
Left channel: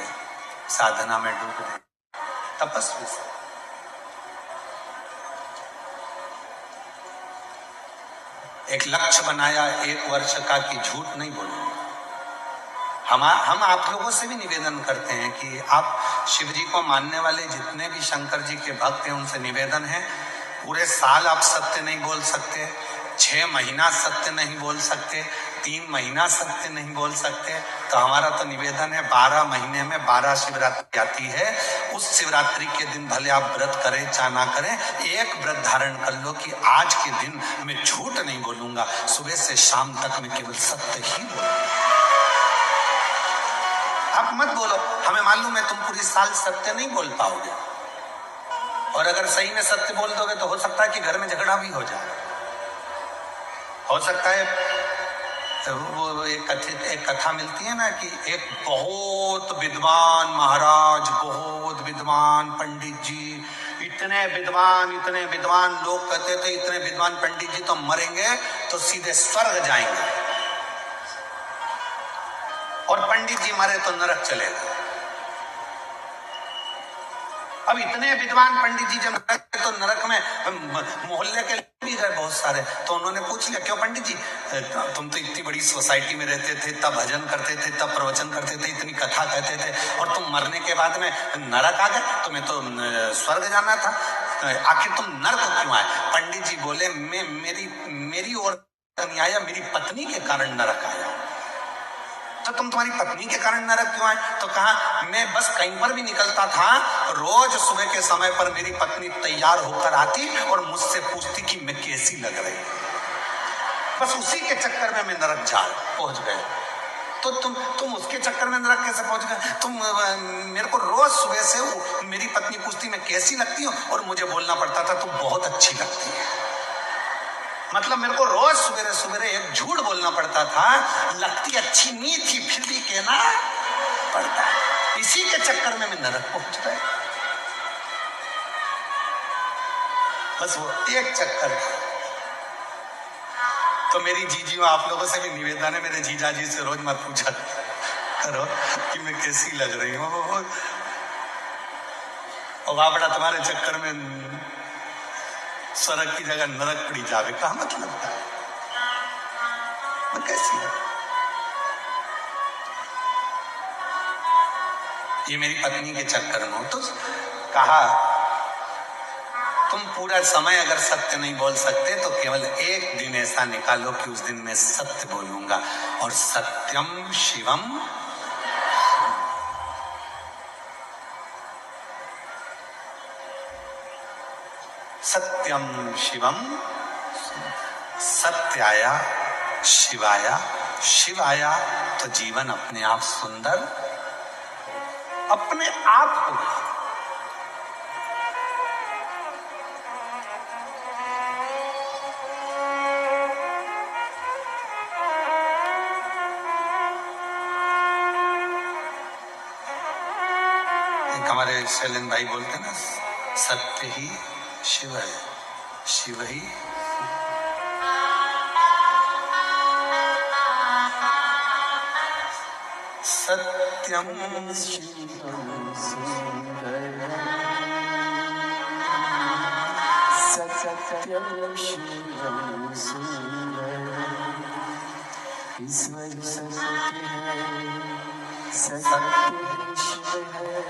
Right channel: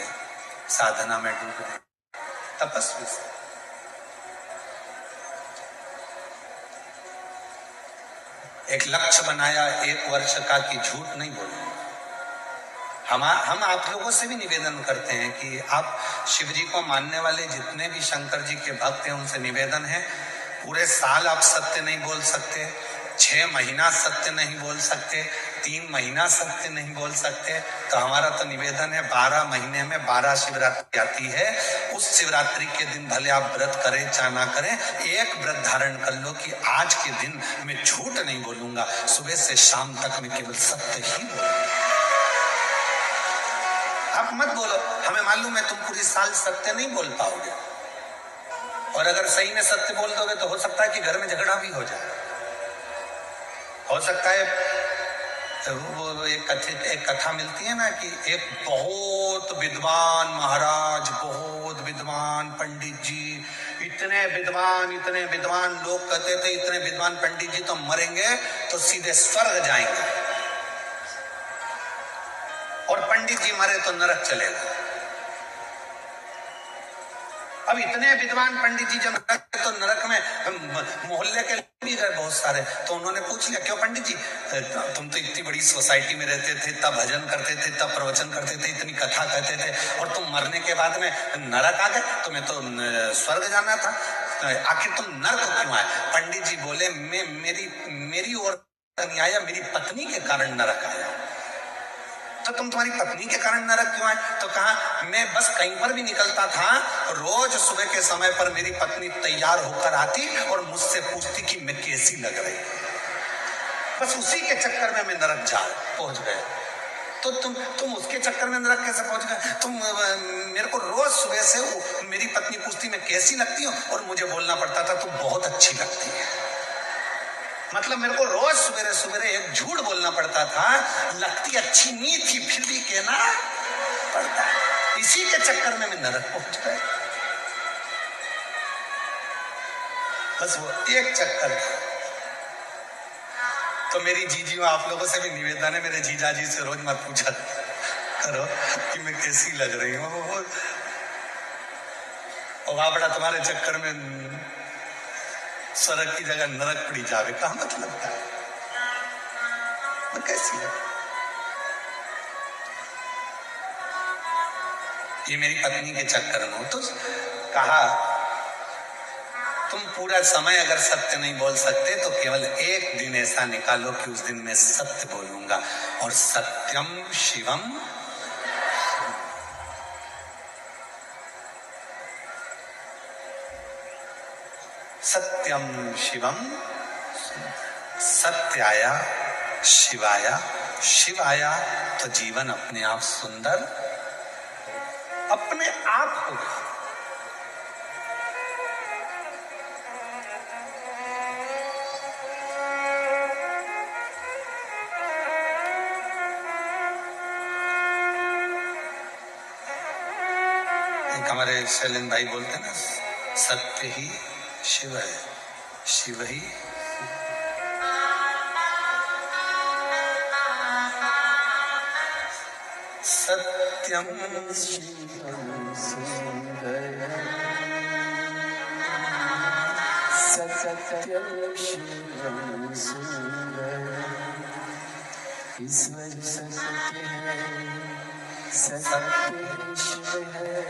साधना में डूब गए तपस्वी संत। एक लक्ष्य बनाया 1 वर्ष का कि झूठ नहीं बोलूंगा। हम आप लोगों से भी निवेदन करते हैं कि आप शिव जी को मानने वाले जितने भी शंकर जी के भक्त हैं उनसे निवेदन है, पूरे साल आप सत्य नहीं बोल सकते, 6 महीना सत्य नहीं बोल सकते, 3 महीना सत्य नहीं बोल सकते, तो हमारा तो निवेदन है 12 महीने में 12 शिवरात्रि आती है, उस शिवरात्रि के दिन भले आप व्रत करें चाहे ना करें, एक व्रत धारण कर लो कि आज के दिन मैं झूठ नहीं बोलूंगा, सुबह से शाम तक मैं केवल सत्य ही बोलूंगा। आप मत बोलो, हमें मालूम है तुम पूरी साल सत्य नहीं बोल पाओगे, और अगर सही में सत्य बोल दोगे तो हो सकता है कि घर में झगड़ा भी हो जाए। हो सकता है वो एक कथा मिलती है ना कि एक बहुत विद्वान महाराज, बहुत विद्वान पंडित जी, इतने विद्वान लोग कहते थे इतने विद्वान पंडित जी तो मरेंगे तो सीधे स्वर्ग जाएंगे, और पंडित जी मरे तो नरक चलेगा। अब इतने विद्वान पंडित जी जब तो नरक में मोहल्ले के भी गए बहुत सारे, तो उन्होंने पूछ लिया क्यों पंडित जी, तुम तो इतनी बड़ी सोसाइटी में रहते थे, तब भजन करते थे, तब प्रवचन करते थे, इतनी कथा कहते थे, और तुम मरने के बाद में नरक आ गए, तुम्हें तो स्वर्ग जाना था, आखिर तुम नरक क्यों आए? पंडित जी बोले मेरी ओर नहीं आया, मेरी पत्नी के कारण नरक आया। तो तुम तुम्हारी पत्नी के कारण नरक क्यों आए? तो कहा मैं बस कहीं पर भी निकलता था, रोज सुबह के समय पर मेरी पत्नी तैयार होकर आती और मुझसे पूछती कि मैं कैसी लग रही, बस उसी के चक्कर में मैं नरक जा पहुंच गए। तो तुम उसके चक्कर में नरक कैसे पहुंच गए? तुम मेरे को रोज सुबह से मेरी पत्नी पूछती मैं कैसी लगती हूँ, और मुझे बोलना पड़ता था तुम बहुत अच्छी लगती है। मतलब मेरे को रोज सवेरे सवेरे एक झूठ बोलना पड़ता था, लगती अच्छी नहीं थी फिर भी कहना पड़ता, इसी के चक्कर में मैं नरक पहुंच गया। बस वो एक चक्कर था। तो मेरी जीजियों, आप लोगों से भी निवेदन है, मेरे जीजा जी से रोज मत पूछा करो कि मैं कैसी लग रही हूँ, और बाबड़ा तुम्हारे चक्कर में स्वर्ग की जगह नरक पड़ी जावे, कहा मतलब था मैं कैसी है? ये मेरी पत्नी के चक्कर में हो। तो कहा तुम पूरा समय अगर सत्य नहीं बोल सकते तो केवल एक दिन ऐसा निकालो कि उस दिन मैं सत्य बोलूंगा, और सत्यम शिवम, सत्यम शिवम, सत्याया शिवाया, शिवाया तो जीवन अपने आप सुंदर अपने आप हो गया। एक हमारे शैलेंद्र भाई बोलते ना, सत्य ही शिव है, शिव ही सत्यम शिवम सुंदरम, सत्यम शिवम सुंदरम, ईश्वर सत्य है, सत्य शिव है,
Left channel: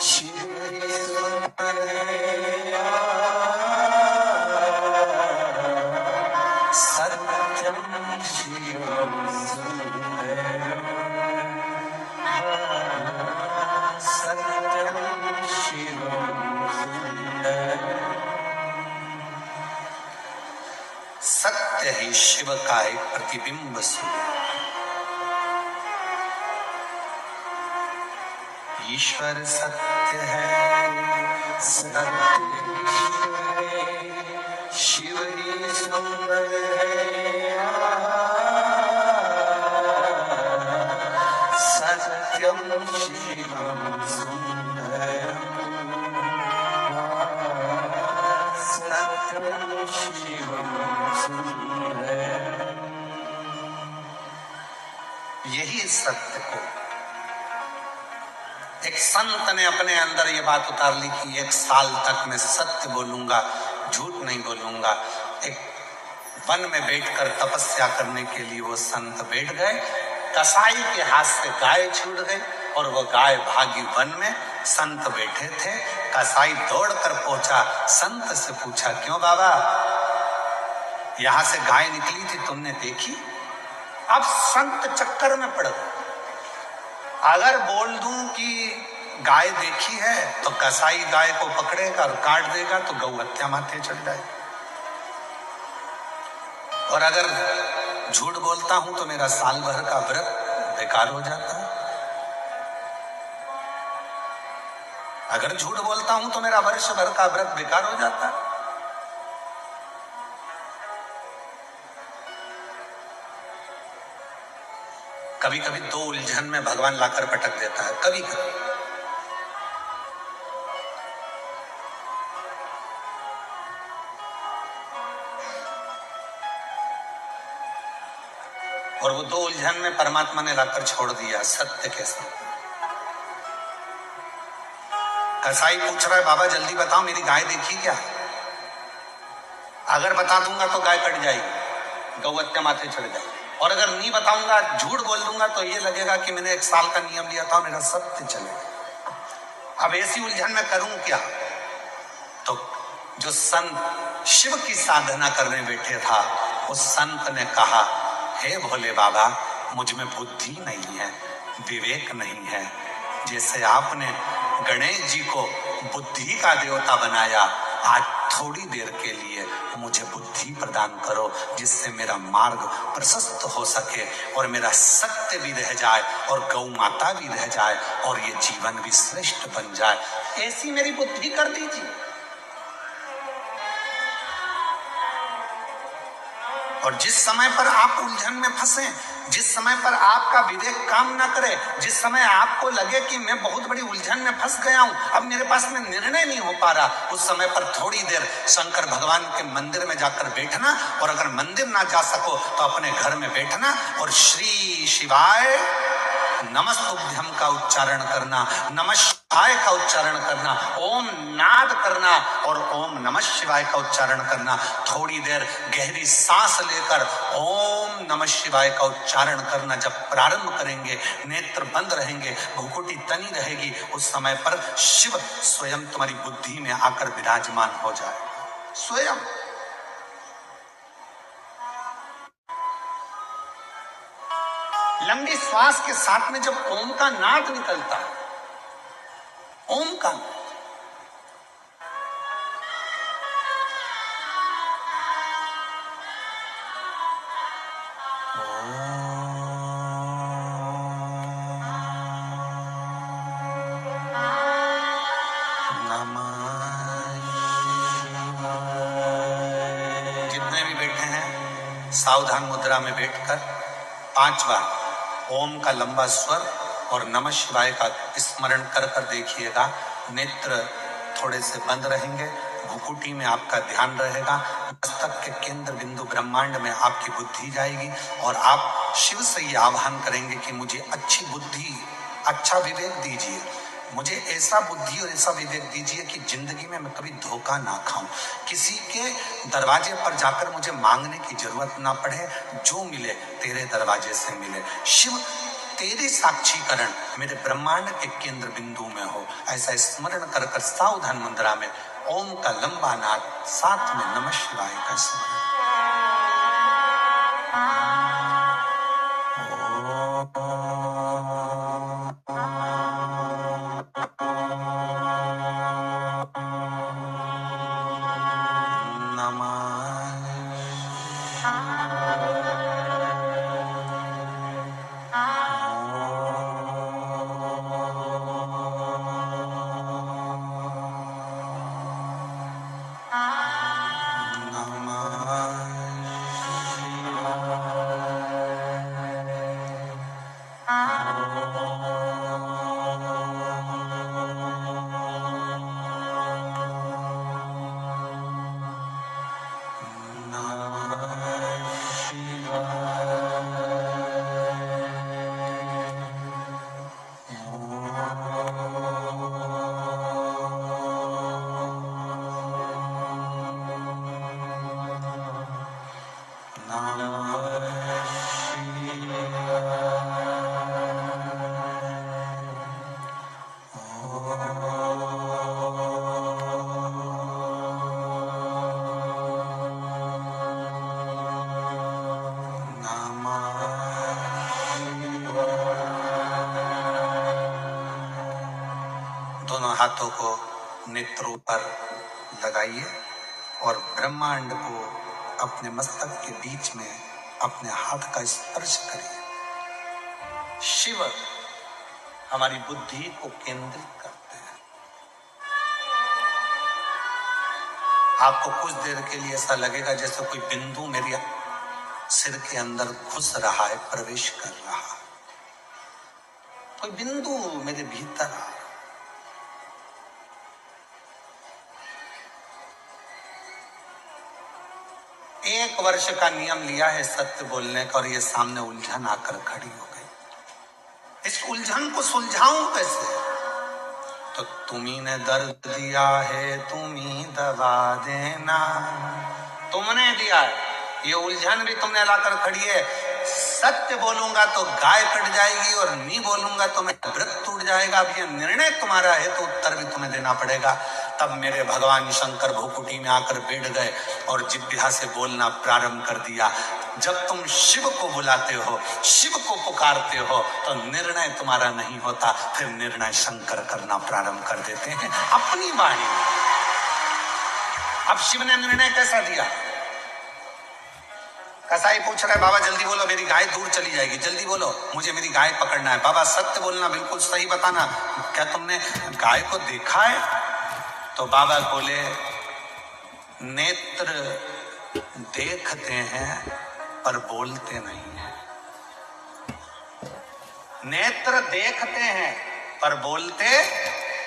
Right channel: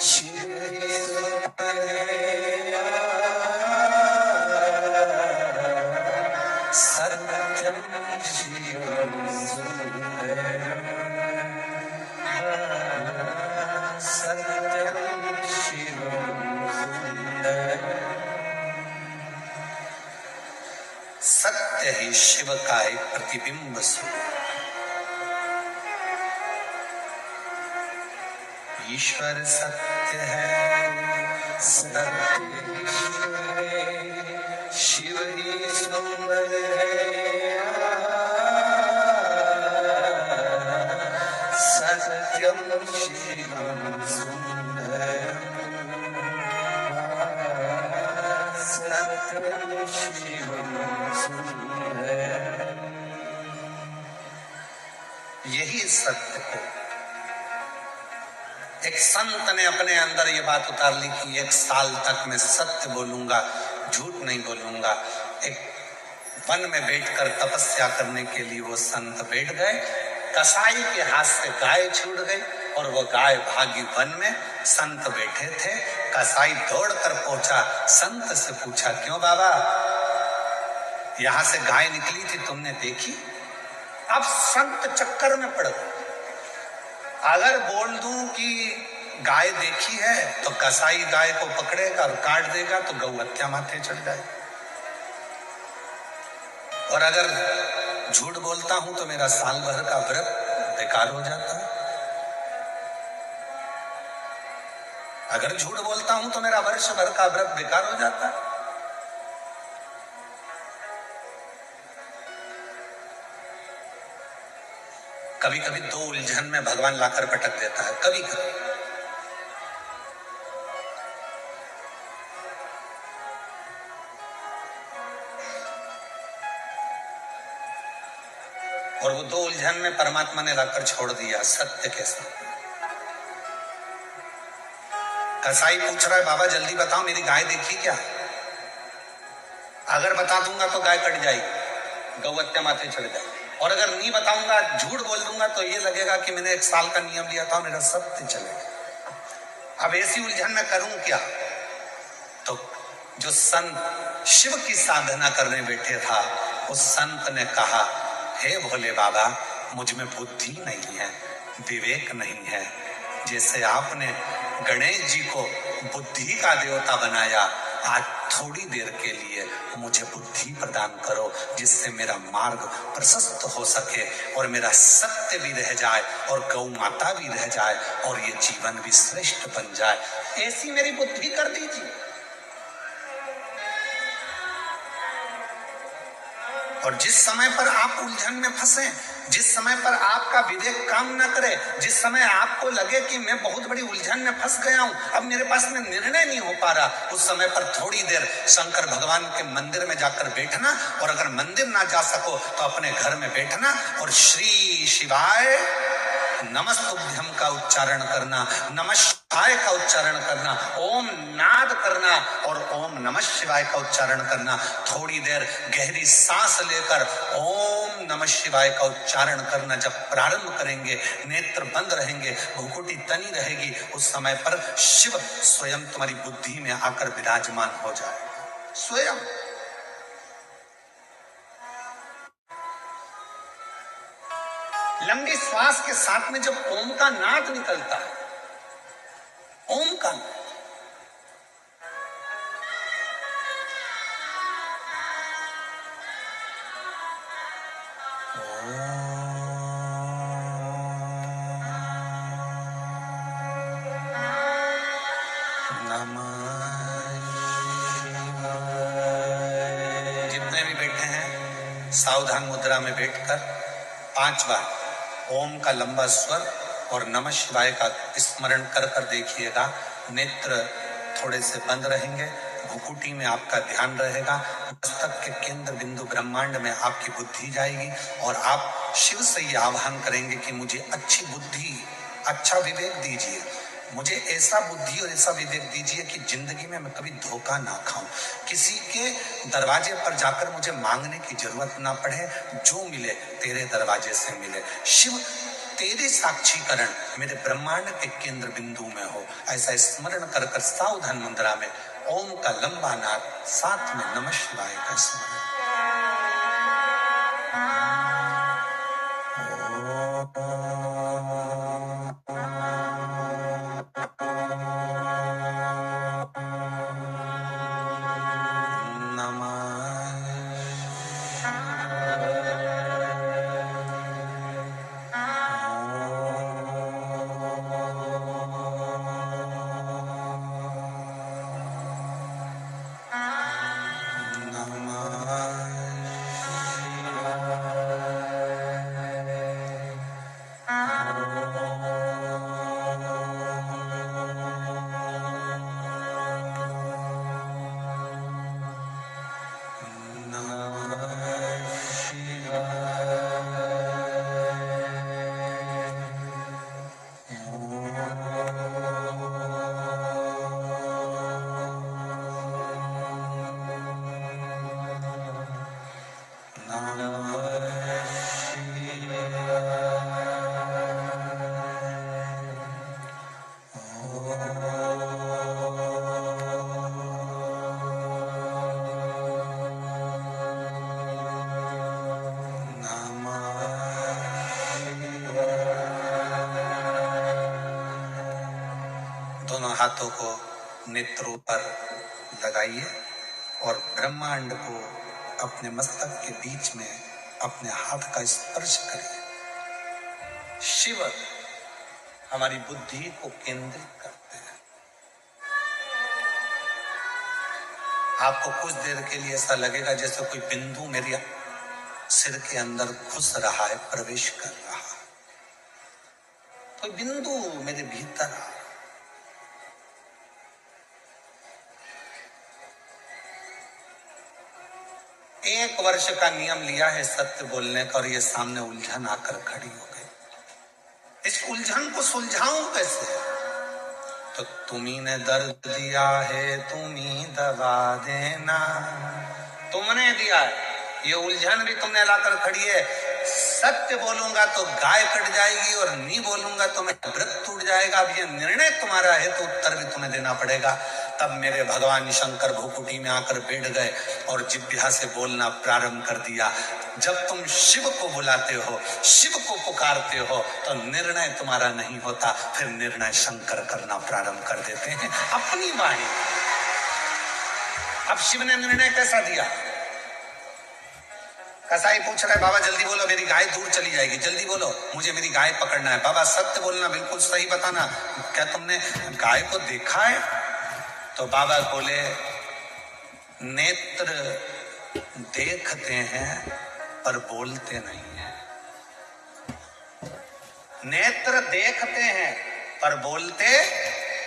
शिव सुंदर है, सत्यम शिवम सुंदरम, सत्यम शिवम सुंदरम। सत्य ही शिव का एक प्रतिबिंब स्वरूप, ईश्वर सत्य है, सत्य शिव है, शिव ही सुंदर है, सत्यम शिवम सुंदरम, सत्यम शिवम सुंदरम। यही सत्य को। एक संत ने अपने अंदर ये बात उतार ली कि 1 साल तक मैं सत्य बोलूंगा, झूठ नहीं बोलूंगा। एक वन में बैठकर तपस्या करने के लिए वो संत बैठ गए। कसाई के हाथ से गाय छूट गई और वो गाय भागी वन में। संत बैठे थे, कसाई दौड़कर पहुंचा, संत से पूछा, क्यों बाबा, यहां से गाय निकली थी, तुमने देखी? अब संत चक्कर में पड़ गए। अगर बोल दूं कि गाय देखी है तो कसाई गाय को पकड़ेगा और काट देगा तो गौ हत्या माथे चढ़ जाएगी, और अगर झूठ बोलता हूं तो मेरा साल भर का व्रत बेकार हो जाता है। अगर झूठ बोलता हूं तो मेरा वर्ष भर का व्रत बेकार हो जाता है। कभी कभी 2 उलझन में भगवान लाकर पटक देता है, कभी कभी। और वो 2 उलझन में परमात्मा ने लाकर छोड़ दिया सत्य के साथ। कसाई पूछ रहा है, बाबा जल्दी बताओ मेरी गाय देखी क्या? अगर बता दूंगा तो गाय कट जाएगी, गौ हत्या माथे चढ़ जाएगी, और अगर नहीं बताऊंगा, झूठ बोल दूंगा तो ये लगेगा कि मैंने 1 साल का नियम लिया था, मेरा सत्य चलेगा। अब ऐसी उलझन में करूं क्या? तो जो संत शिव की साधना करने बैठे था, उस संत ने कहा, हे भोले बाबा, मुझ में बुद्धि नहीं है, विवेक नहीं है। जैसे आपने गणेश जी को बुद्धि का देवता बनाया, आज थोड़ी देर के लिए मुझे बुद्धि प्रदान करो, जिससे मेरा मार्ग प्रशस्त हो सके और मेरा सत्य भी रह जाए और गौ माता भी रह जाए और ये जीवन भी श्रेष्ठ बन जाए। ऐसी मेरी बुद्धि कर दीजिए। और जिस समय पर आप उलझन में फंसे, जिस समय पर आपका विवेक काम ना करे, जिस समय आपको लगे कि मैं बहुत बड़ी उलझन में फंस गया हूं, अब मेरे पास में निर्णय नहीं हो पा रहा, उस समय पर थोड़ी देर शंकर भगवान के मंदिर में जाकर बैठना, और अगर मंदिर ना जा सको तो अपने घर में बैठना और श्री शिवाय नमस्तुभ्यम का उच्चारण करना, नमः शिवाय का उच्चारण करना, ओम नाद करना और ओम नमः शिवाय का उच्चारण करना। थोड़ी देर गहरी सांस लेकर ओम नमः शिवाय का उच्चारण करना। जब प्रारंभ करेंगे, नेत्र बंद रहेंगे, भुकुटी तनी रहेगी, उस समय पर शिव स्वयं तुम्हारी बुद्धि में आकर विराजमान हो जाए। स्वयं लंबी श्वास के साथ में जब ओम का नाद निकलता है, ओम का जितने भी बैठे हैं, सावधान मुद्रा में बैठकर 5 बार ओम का लंबा स्वर और नमः शिवाय का स्मरण कर कर देखिएगा। नेत्र थोड़े से बंद रहेंगे, भुकुटी में आपका ध्यान रहेगा, मस्तक के केंद्र बिंदु ब्रह्मांड में आपकी बुद्धि जाएगी और आप शिव से ये आह्वान करेंगे कि मुझे अच्छी बुद्धि, अच्छा विवेक दीजिए, मुझे ऐसा बुद्धि और ऐसा विवेक दीजिए कि जिंदगी में मैं कभी धोखा ना खाऊं, किसी के दरवाजे पर जाकर मुझे मांगने की जरूरत ना पड़े, जो मिले तेरे दरवाजे से मिले। शिव तेरे साक्षीकरण मेरे ब्रह्मांड के केंद्र बिंदु में हो, ऐसा स्मरण कर कर सावधान मुद्रा में ओम का लंबा नाद, साथ में नमः शिवाय का स्मरण। हाथों को नेत्रों पर लगाइए और ब्रह्मांड को अपने मस्तक के बीच में अपने हाथ का स्पर्श करिए। शिव हमारी बुद्धि को केंद्रित करते हैं। आपको कुछ देर के लिए ऐसा लगेगा जैसे कोई बिंदु मेरे सिर के अंदर घुस रहा है, प्रवेश कर रहा है, कोई बिंदु मेरे भीतर आ रहा है। एक वर्ष का नियम लिया है सत्य बोलने का और ये सामने उलझन आकर खड़ी हो गई। इस उलझन को सुलझाऊं कैसे? तो तुम्ही ने दर्द दिया है, तुम्ही दवा देना। तुमने दिया है, ये उलझन भी तुमने लाकर खड़ी है। सत्य बोलूंगा तो गाय कट जाएगी और नहीं बोलूंगा तो मैं व्रत टूट जाएगा। अब ये निर्णय तुम्हारा है तो उत्तर भी तुम्हें देना पड़ेगा। तब मेरे भगवान शंकर भूकुटी में आकर बैठ गए और जिह्वा से बोलना प्रारंभ कर दिया। जब तुम शिव को बुलाते हो, शिव को पुकारते हो तो निर्णय तुम्हारा नहीं होता, फिर निर्णय शंकर करना प्रारंभ कर देते हैं अपनी वाणी। अब शिव ने निर्णय कैसा दिया? कसाई पूछ रहा है, बाबा जल्दी बोलो मेरी गाय दूर चली जाएगी, जल्दी बोलो मुझे मेरी गाय पकड़ना है। बाबा सत्य बोलना, बिल्कुल सही बताना, क्या तुमने गाय को देखा है? तो बाबा बोले, नेत्र देखते हैं पर बोलते नहीं है। नेत्र देखते हैं पर बोलते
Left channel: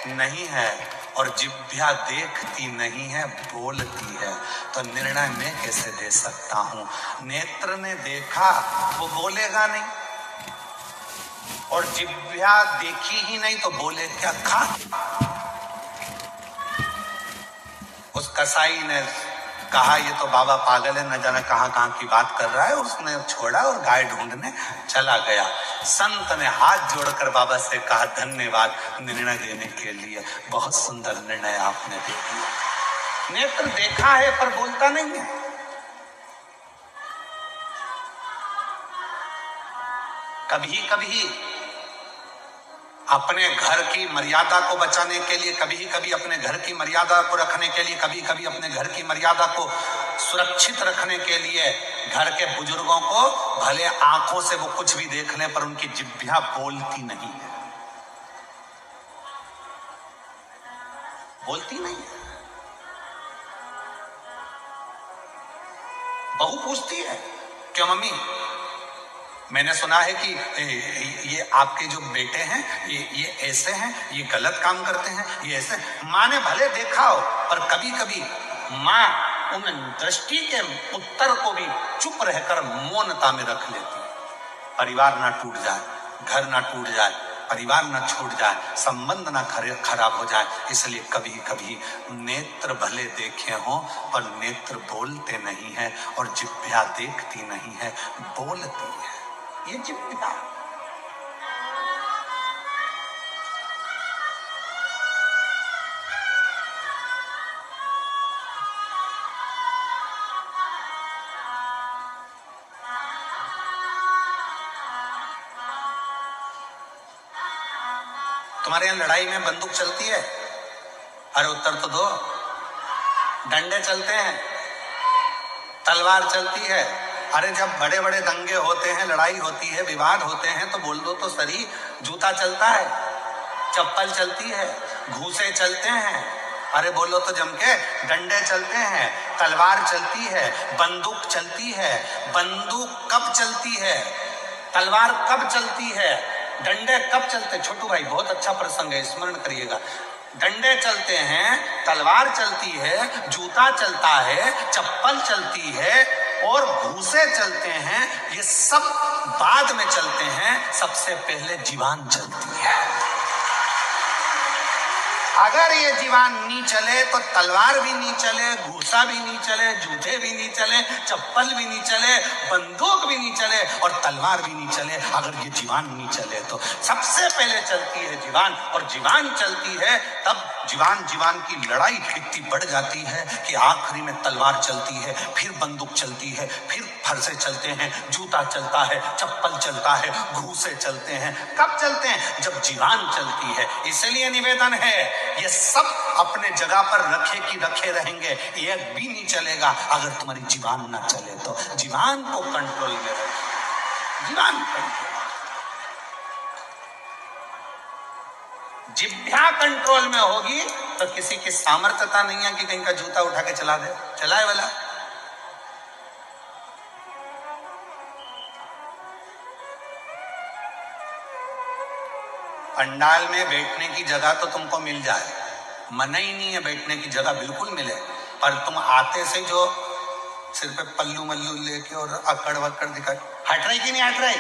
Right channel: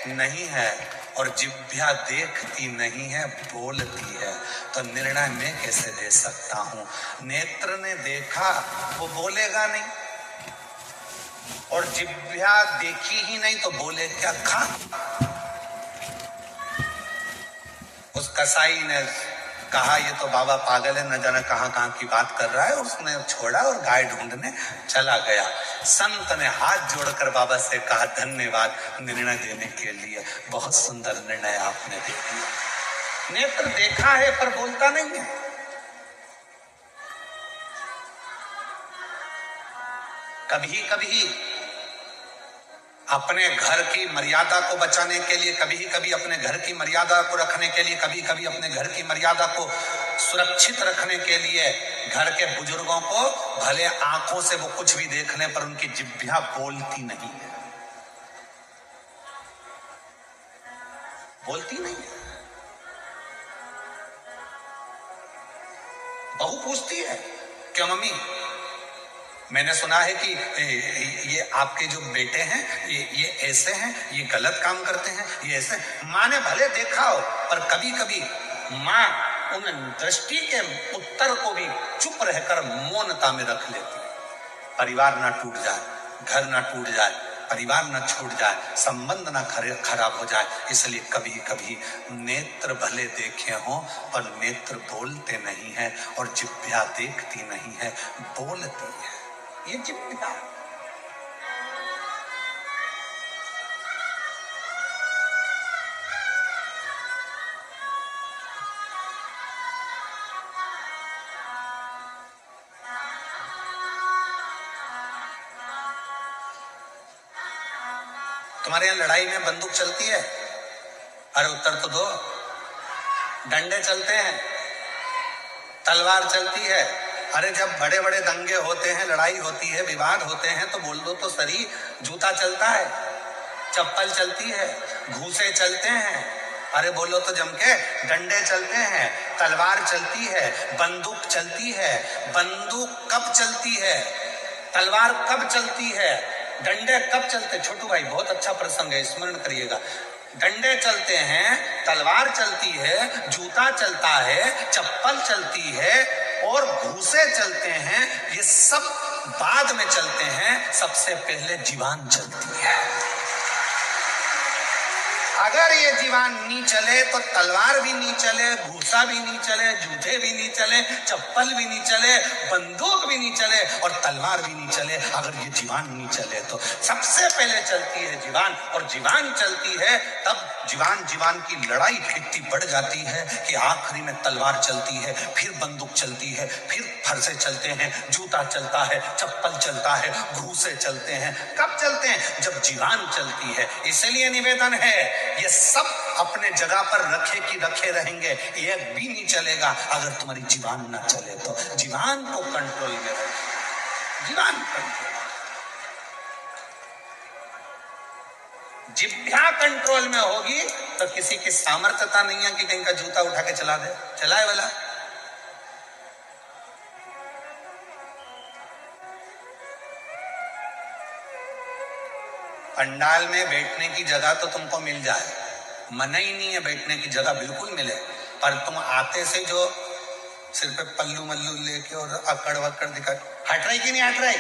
नहीं है और जिह्वा देखती नहीं है, बोलती है। तो निर्णय मैं कैसे दे सकता हूं? नेत्र ने देखा, वो बोलेगा नहीं, और जिह्वा देखी ही नहीं तो बोले क्या? खा। उस कसाई ने कहा ये तो बाबा पागल है, न जाने कहां कहां की बात कर रहा है। उसने छोड़ा और गाय ढूंढने चला गया। संत ने हाथ जोड़कर बाबा से कहा, धन्यवाद निर्णय देने के लिए, बहुत सुंदर निर्णय आपने दे दिया। नेत्र देखा है पर बोलता नहीं है। कभी कभी अपने घर की मर्यादा को बचाने के लिए, कभी कभी अपने घर की मर्यादा को रखने के लिए, कभी कभी अपने घर की मर्यादा को सुरक्षित रखने के लिए घर के बुजुर्गों को भले आंखों से वो कुछ भी देखने पर उनकी जिह्वा बोलती नहीं है, बोलती नहीं है। बहू पूछती है, क्यों मम्मी, मैंने सुना है कि ये आपके जो बेटे हैं ये ऐसे हैं, ये गलत काम करते हैं, ये ऐसे। माँ ने भले देखा हो पर कभी कभी माँ उन दृष्टि के उत्तर को भी चुप रहकर मौनता में रख लेती। परिवार ना टूट जाए, घर ना टूट जाए, परिवार ना छूट जाए, संबंध ना खराब हो जाए, इसलिए कभी कभी नेत्र भले देखे हों पर नेत्र बोलते नहीं है और जिह्वा देखती नहीं है, बोलती है। ये जिह्वा। तुम्हारे यहां लड़ाई में बंदूक चलती है? अरे उत्तर तो दो। डंडे चलते हैं, तलवार चलती है। अरे जब बड़े बड़े दंगे होते हैं, लड़ाई होती है, विवाद होते हैं तो बोल दो तो सही। जूता चलता है, चप्पल चलती है, घूसे चलते हैं। अरे बोलो तो जम के। डंडे चलते हैं, तलवार चलती है, बंदूक चलती है। बंदूक कब चलती है? तलवार कब चलती है? डंडे कब चलते? छोटू भाई बहुत अच्छा प्रसंग है, स्मरण करिएगा। डंडे चलते हैं, तलवार चलती है, जूता चलता है, चप्पल चलती है और घूसे चलते हैं। ये सब बाद में चलते हैं, सबसे पहले जीवान चलती है। अगर ये जीवान नहीं चले तो तलवार भी नहीं चले, घूसा भी नहीं चले, जूते भी नहीं चले, चप्पल भी नहीं चले, बंदूक भी नहीं चले और तलवार भी नहीं चले। अगर ये जीवान नहीं चले तो सबसे पहले चलती है जीवान, और जीवान चलती है तब जीवान जीवान की लड़ाई इतनी बढ़ जाती है कि आखिरी में तलवार चलती है, फिर बंदूक चलती है, फिर फरसे चलते हैं, जूता चलता है, चप्पल चलता है, घूसे चलते हैं। कब चलते हैं? जब जीवान चलती है। इसलिए निवेदन है, ये सब अपने जगह पर रखे कि रखे रहेंगे, एक भी नहीं चलेगा अगर तुम्हारी जीवान ना चले तो। जीवान को कंट्रोल में रखो, जीवान कंट्रोल। जिह्वा कंट्रोल में होगी तो किसी की सामर्थ्यता नहीं है कि कहीं का जूता उठा के चला दे, चलाए वाला। पंडाल में बैठने की जगह तो तुमको मिल जाए, मना ही नहीं है बैठने की जगह, बिल्कुल मिले, पर तुम आते से जो सिर पे पल्लू मल्लू लेके और अकड़ वकड़ दिखा, हट रही कि नहीं हट रही?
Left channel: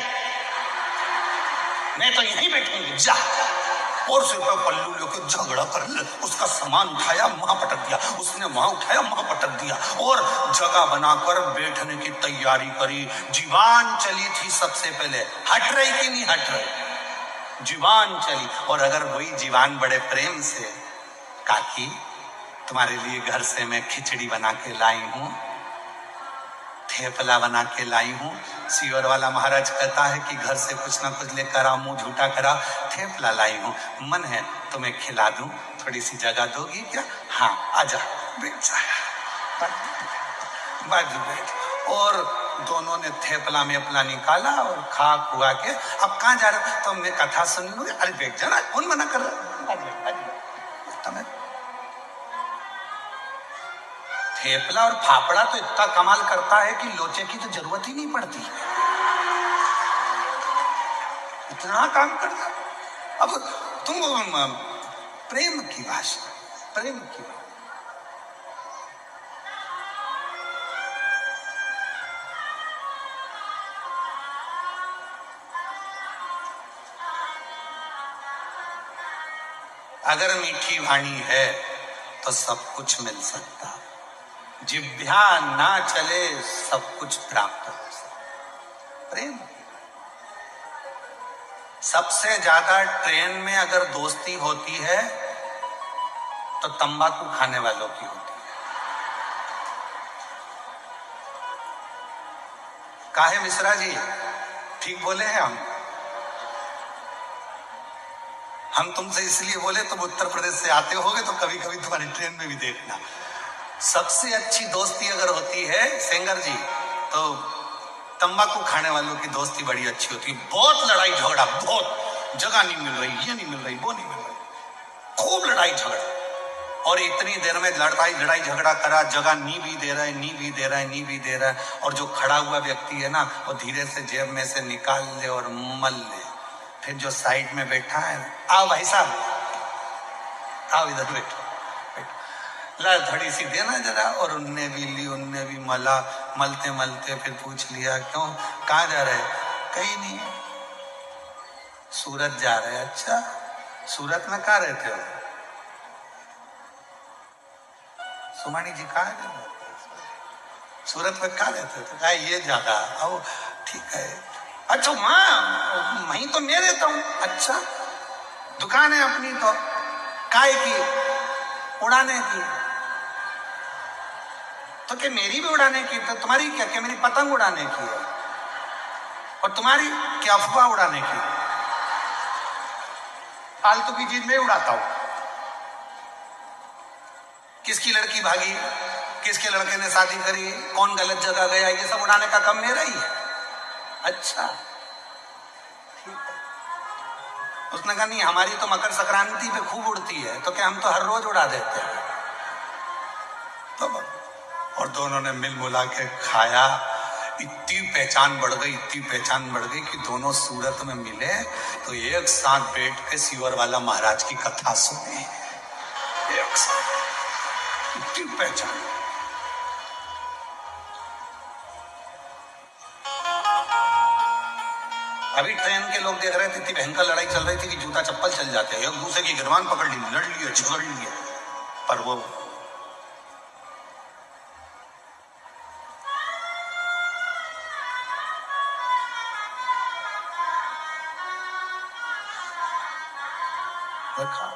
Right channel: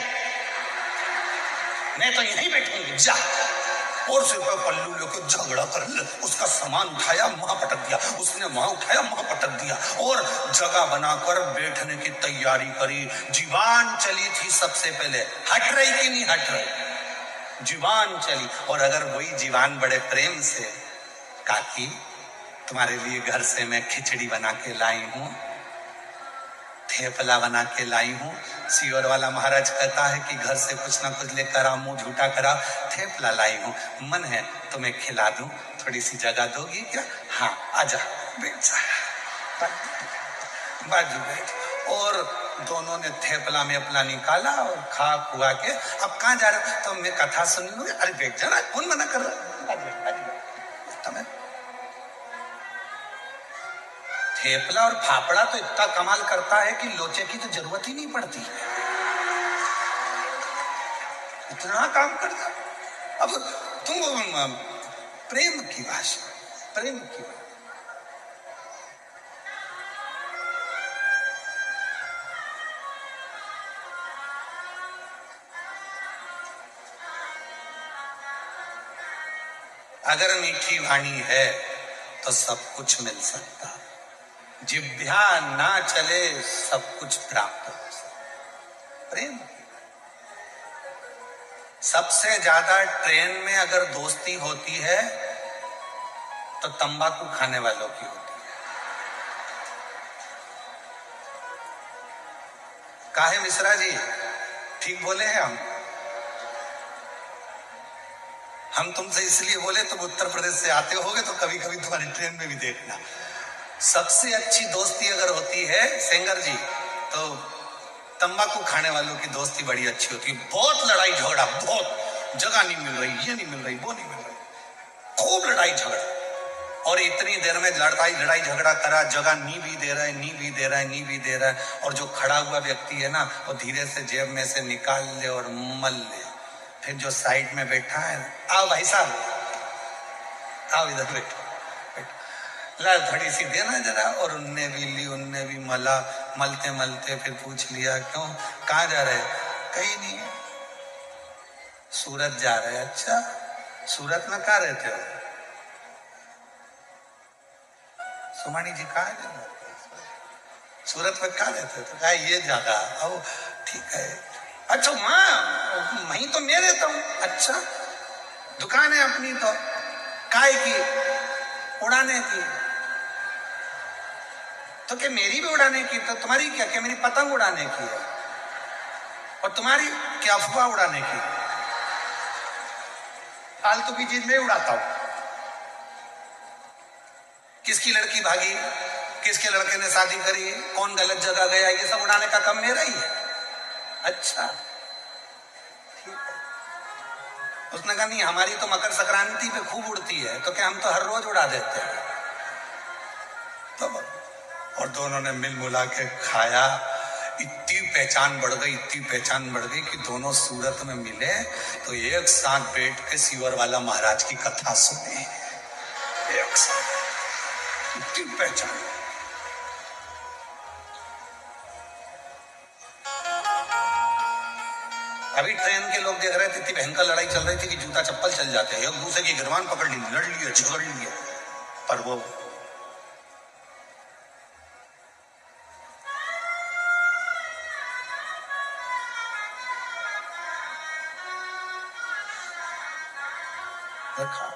मैं तो यहीं बैठूंगी, जा। और सिर पे पल्लू लेके झगड़ा कर ले, उसका सामान उठाया वहां पटक दिया, उसने वहां उठाया वहां पटक दिया, और जगह बनाकर बैठने की तैयारी करी। जीवान चली थी सबसे पहले, हट रही कि नहीं हट रही? जीवान चली। और अगर वही जीवान बड़े प्रेम से, काकी तुम्हारे लिए घर से मैं खिचड़ी बना के लाई हूं, थेपला बना के लाई हूं, सीवर वाला महाराज कहता है कि घर से कुछ ना कुछ लेकर आओ, मुंह झूठा करा, थेपला लाई हूं, मन है तुम्हें खिला दूं, थोड़ी सी जगह दोगी क्या? हाँ आजा, बैठ जा, बाजू बैठ। और दोनों ने थेपला में अपना निकाला और खा खुआ के, अब कहाँ जा रहे? तो मैं कथा सुनी। अरे बैठ जाना, कौन मना कर रहा? थेपला और फाफड़ा तो इतना कमाल करता है कि लोचे की तो जरूरत ही नहीं पड़ती, इतना काम करता। अब तुम प्रेम की भाषा, प्रेम की भाषा। अगर मीठी वाणी है तो सब कुछ मिल सकता, जिह्वा ना चले सब कुछ प्राप्त हो सकता। प्रेम। सबसे ज्यादा ट्रेन में अगर दोस्ती होती है तो तंबाकू खाने वालों की होती है। काहे मिश्रा जी, ठीक बोले हैं हम तुमसे इसलिए बोले, तुम उत्तर प्रदेश से आते होगे तो कभी कभी तुम्हारी ट्रेन में भी देखना। सबसे अच्छी दोस्ती अगर होती है सेंगर जी, तो तंबाकू खाने वालों की दोस्ती बड़ी अच्छी होती है। बहुत लड़ाई झगड़ा, बहुत, जगह नहीं मिल रही, ये नहीं मिल रही, वो नहीं मिल रही, खूब लड़ाई झगड़ा, और इतनी देर में लड़ाई झगड़ा करा, जगह नी भी दे रहा है, नी भी दे रहा है, नी भी दे रहा है, और जो खड़ा हुआ व्यक्ति है ना, वो धीरे से जेब में से निकाल ले और मल ले। फिर जो साइड में बैठा है, आओ भाई साहब, आओ इधर बैठो, ला थोड़ी सी देना जरा, और उनने भी ली, उनने भी मला, मलते मलते फिर पूछ लिया, क्यों, कहाँ जा रहे? कहीं नहीं, सूरत जा रहे। अच्छा, सूरत में कहाँ रहते हो? सुमानी जी कहाँ है? सूरत में कहाँ रहते हो? तो कहा ये जगह। ओ ठीक है। अच्छा वहां, वहीं तो मैं रहता हूँ। अच्छा, दुकान है अपनी तो काय की? उड़ाने की। तो क्या मेरी भी उड़ाने की? तो तुम्हारी क्या? क्या मेरी पतंग उड़ाने की है? और तुम्हारी क्या अफवाह उड़ाने की? फालतू की चीज मैं उड़ाता हूं। किसकी लड़की भागी, किसके लड़के ने शादी करी, कौन गलत जगह गया, ये सब उड़ाने का काम मेरा ही है। अच्छा ठीक है। उसने कहा नहीं, हमारी तो मकर संक्रांति पे खूब उड़ती है, तो क्या हम तो हर रोज उड़ा देते हैं। तो और दोनों ने मिल मुला के खाया। इतनी पहचान बढ़ गई, इतनी पहचान बढ़ गई कि दोनों सूरत में मिले तो एक साथ बैठ के सीवर वाला महाराज की कथा सुने, एक साथ, इतनी पहचान। अभी ट्रेन के लोग देख रहे थे, इतनी भयंकर लड़ाई चल रही थी कि जूता चप्पल चल जाते हैं, एक दूसरे की गिरबान पकड़ ली, लड़ लिए, झगड़ लिए, पर वो रखा।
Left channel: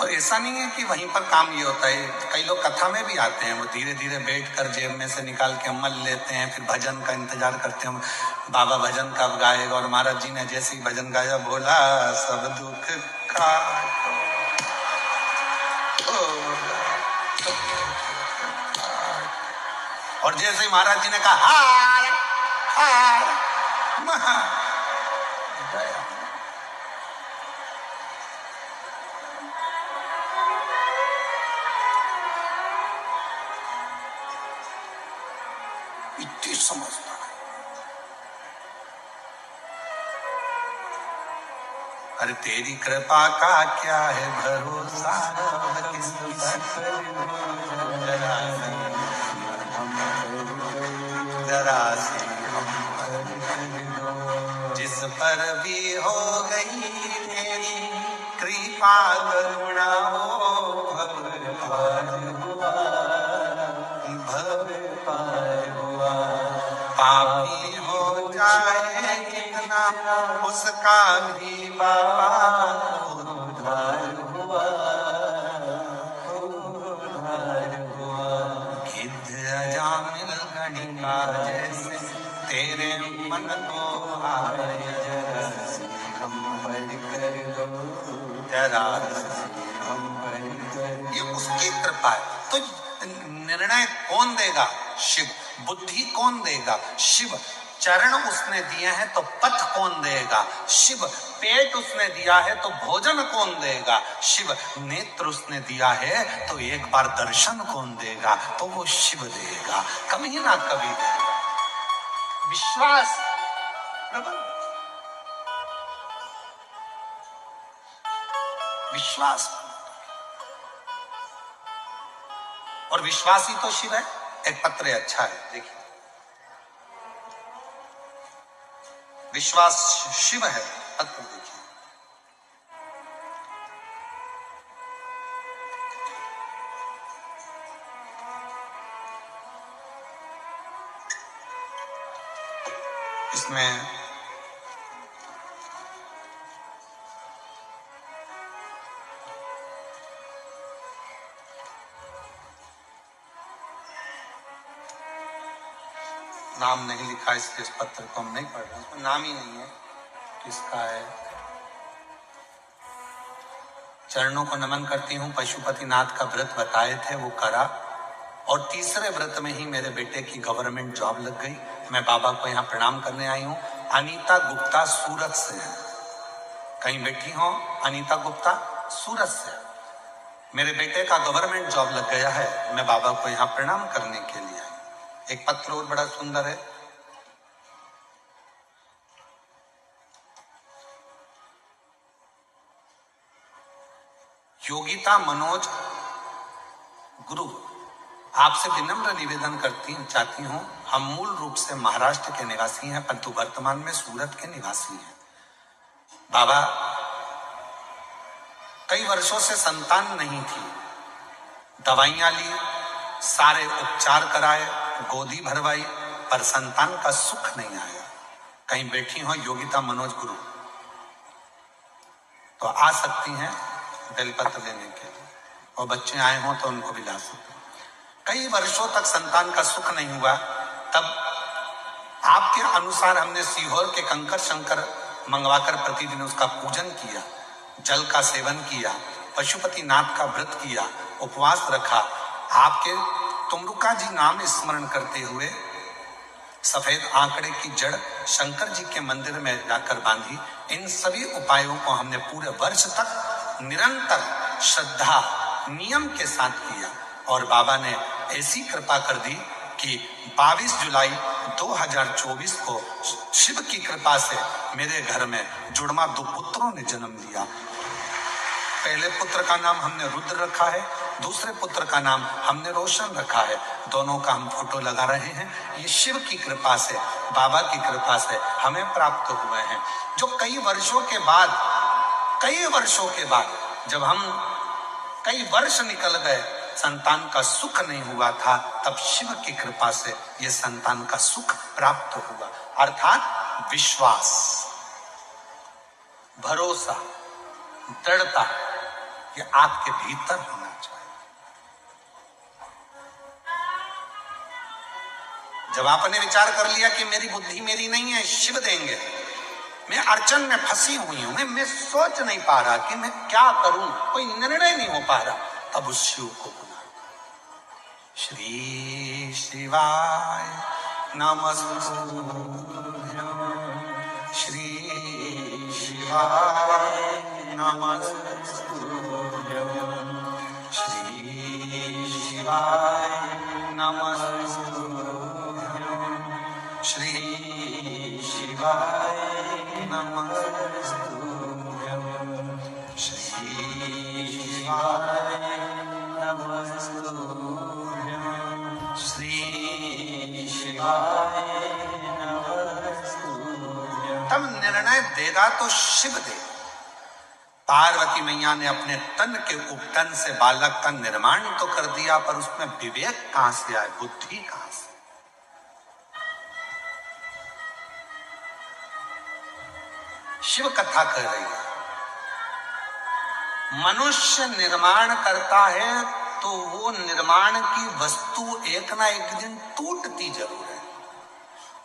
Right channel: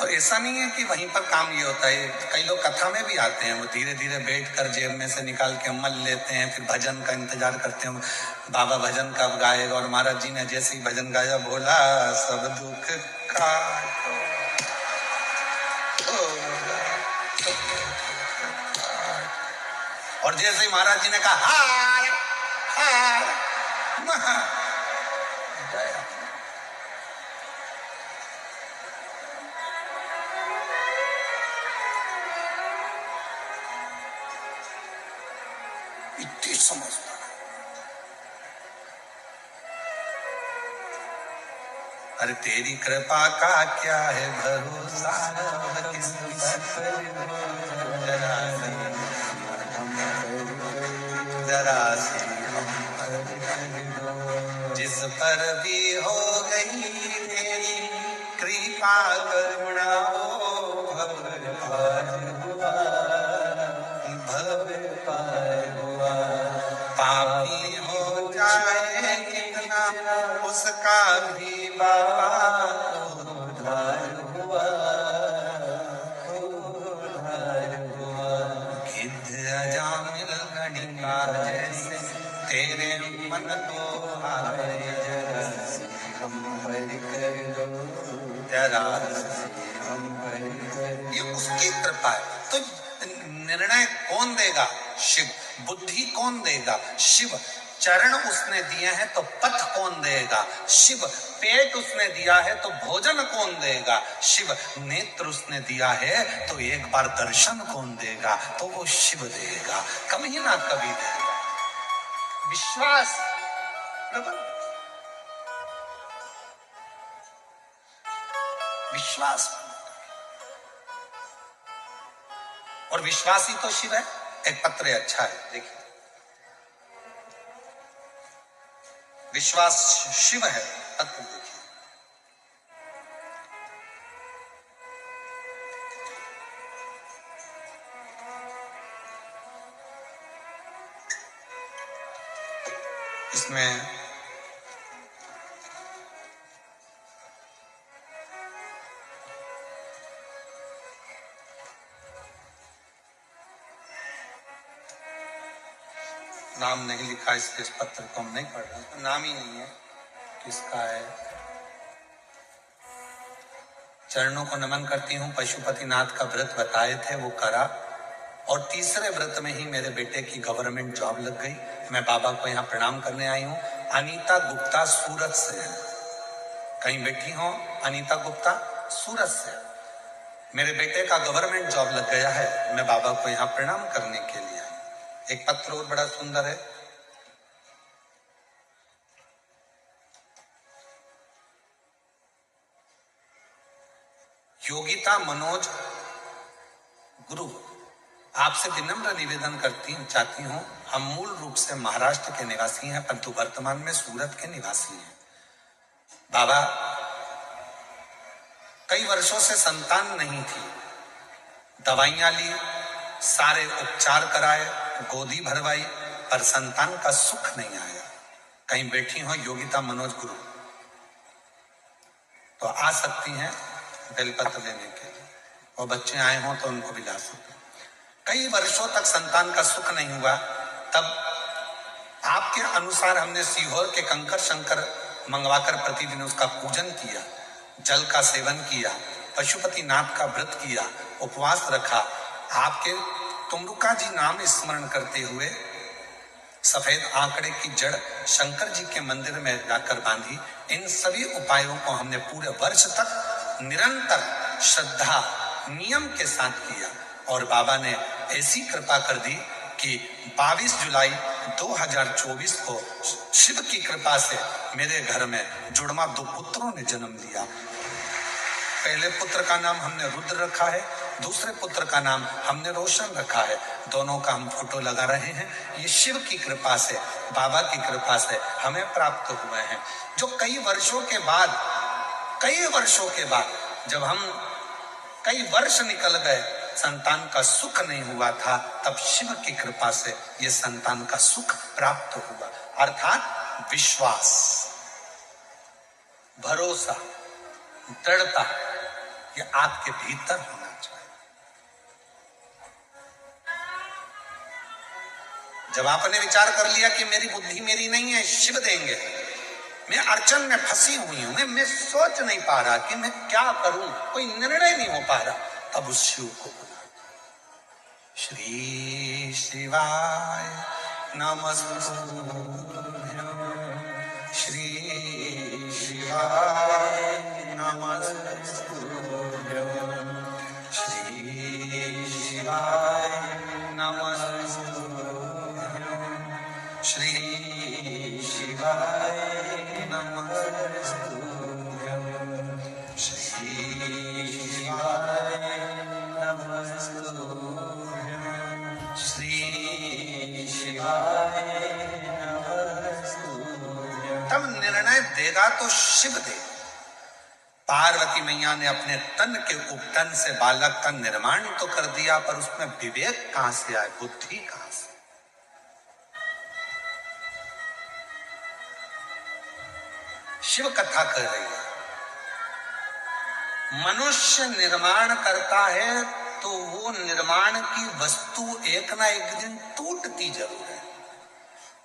और ऐसा नहीं है कि वहीं पर काम ये होता है, कई लोग कथा में भी आते हैं, वो धीरे धीरे बैठ कर जेब में से निकाल के मल लेते हैं, फिर भजन का इंतजार करते हैं बाबा भजन कब गाएगा। और महाराज जी ने जैसे ही भजन गाया, भोला सब दुख का और जैसे ही महाराज जी ने कहा हार हार महा गया। इतनी समझता है। अरे तेरी कृपा का क्या है भरोसा, जरा सी जिस पर भी हो गई तेरी कृपा करुणा हो, पापी हो जाए कितना उसका भी बाबा उद्धार हुआ। गिद्ध अजामिल गणिका जैसे तेरे मन को हाय, जरा सी हम पर कर दो, जरा सी हम पर कर दो। ये उसकी कृपा है। तो निर्णय कौन देगा? शिव। बुद्धि कौन देगा? शिव। चरण उसने दिए हैं तो पथ कौन देगा? शिव। पेट उसने दिया है तो भोजन कौन देगा? शिव। नेत्र उसने दिया है तो एक बार दर्शन कौन देगा? तो वो शिव देगा, कभी ना कभी देगा। विश्वास प्रबल, विश्वास, और विश्वासी तो शिव है। एक पत्र अच्छा है, देखिए, विश्वास शिव है, पत्र देखिए। इसमें नाम नहीं लिखा, इसलिए इस पत्र को हम नहीं पढ़ रहे हैं। नाम ही नहीं है, किसका है? चरणों को नमन करती हूँ। पशुपतिनाथ का व्रत बताए थे, वो करा, और तीसरे व्रत में ही मेरे बेटे की गवर्नमेंट जॉब लग गई। मैं बाबा को यहाँ प्रणाम करने आई हूँ। अनीता गुप्ता सूरत से है, कहीं बैठी हो? अनीता गुप्ता सूरत से, मेरे बेटे का गवर्नमेंट जॉब लग गया है, मैं बाबा को यहाँ प्रणाम करने के लिए आई। एक पत्र और बड़ा सुंदर है। योगिता मनोज गुरु, आपसे विनम्र निवेदन चाहती हूँ। हम मूल रूप से महाराष्ट्र के निवासी हैं, परंतु वर्तमान में सूरत के निवासी हैं। बाबा, कई वर्षों से संतान नहीं थी, दवाइयां ली, सारे उपचार कराए, गोदी भरवाई, पर संतान का सुख नहीं आया। कहीं बैठी हो योगिता मनोज गुरु, तो आ सकती हैं बेलपत्र लेने के लिए, और बच्चे आए हों तो उनको भी ला सकते हैं। कई वर्षों तक संतान का सुख नहीं हुआ, तब आपके अनुसार हमने सीहोर के कंकर शंकर मंगवाकर प्रतिदिन उसका पूजन किया, जल का सेवन किया, पशुपतिनाथ का व्रत किया, उपवास रखा, आपके तुमरुका जी नाम स्मरण करते हुए सफेद आंकड़े की जड़ शंकर जी के मंदिर में जाकर बांधी। इन सभी उपायों को हमने पूरे वर्ष तक निरंतर श्रद्धा नियम के साथ किया, और बाबा ने ऐसी कृपा कर दी कि 22 जुलाई 2024 को शिव की कृपा से मेरे घर में जुड़वा 2 पुत्रों ने जन्म लिया। पहले पुत्र का नाम हमने रुद्र रखा है, दूसरे पुत्र का नाम हमने रोशन रखा है। दोनों का हम फोटो लगा रहे हैं। ये शिव की कृपा से, बाबा की कृपा से हमें प्राप्त हुए हैं, जो कई वर्षों के बाद जब हम कई वर्ष निकल गए, संतान का सुख नहीं हुआ था, तब शिव की कृपा से ये संतान का सुख प्राप्त हुआ। अर्थात विश्वास, भरोसा, दृढ़ता, ये आपके भीतर होना चाहिए। जब आपने विचार कर लिया कि मेरी बुद्धि मेरी नहीं है, शिव देंगे, मैं अड़चन में फंसी हुई हूं, मैं सोच नहीं पा रहा कि मैं क्या करूं, कोई निर्णय नहीं हो पा रहा, तब उस शिव को बुला। श्री शिवाय नमस्तुभ्यं, श्री शिवाय नमस्तुभ्यं, श्री शिवाय नमस्तुभ्यं, श्री शिवाय नमस्तुभ्यं, श्री शिवाय नमस्तुभ्यं, श्री शिवाय नमस्तुभ्यं। तब निर्णय देगा तो शिव देगा। पार्वती मैया ने अपने तन के उपटन से बालक का निर्माण तो कर दिया, पर उसमें विवेक कहां से आए, बुद्धि कहां से? शिव कथा कर रही है, मनुष्य निर्माण करता है तो वो निर्माण की वस्तु एक ना एक दिन टूटती जरूर है,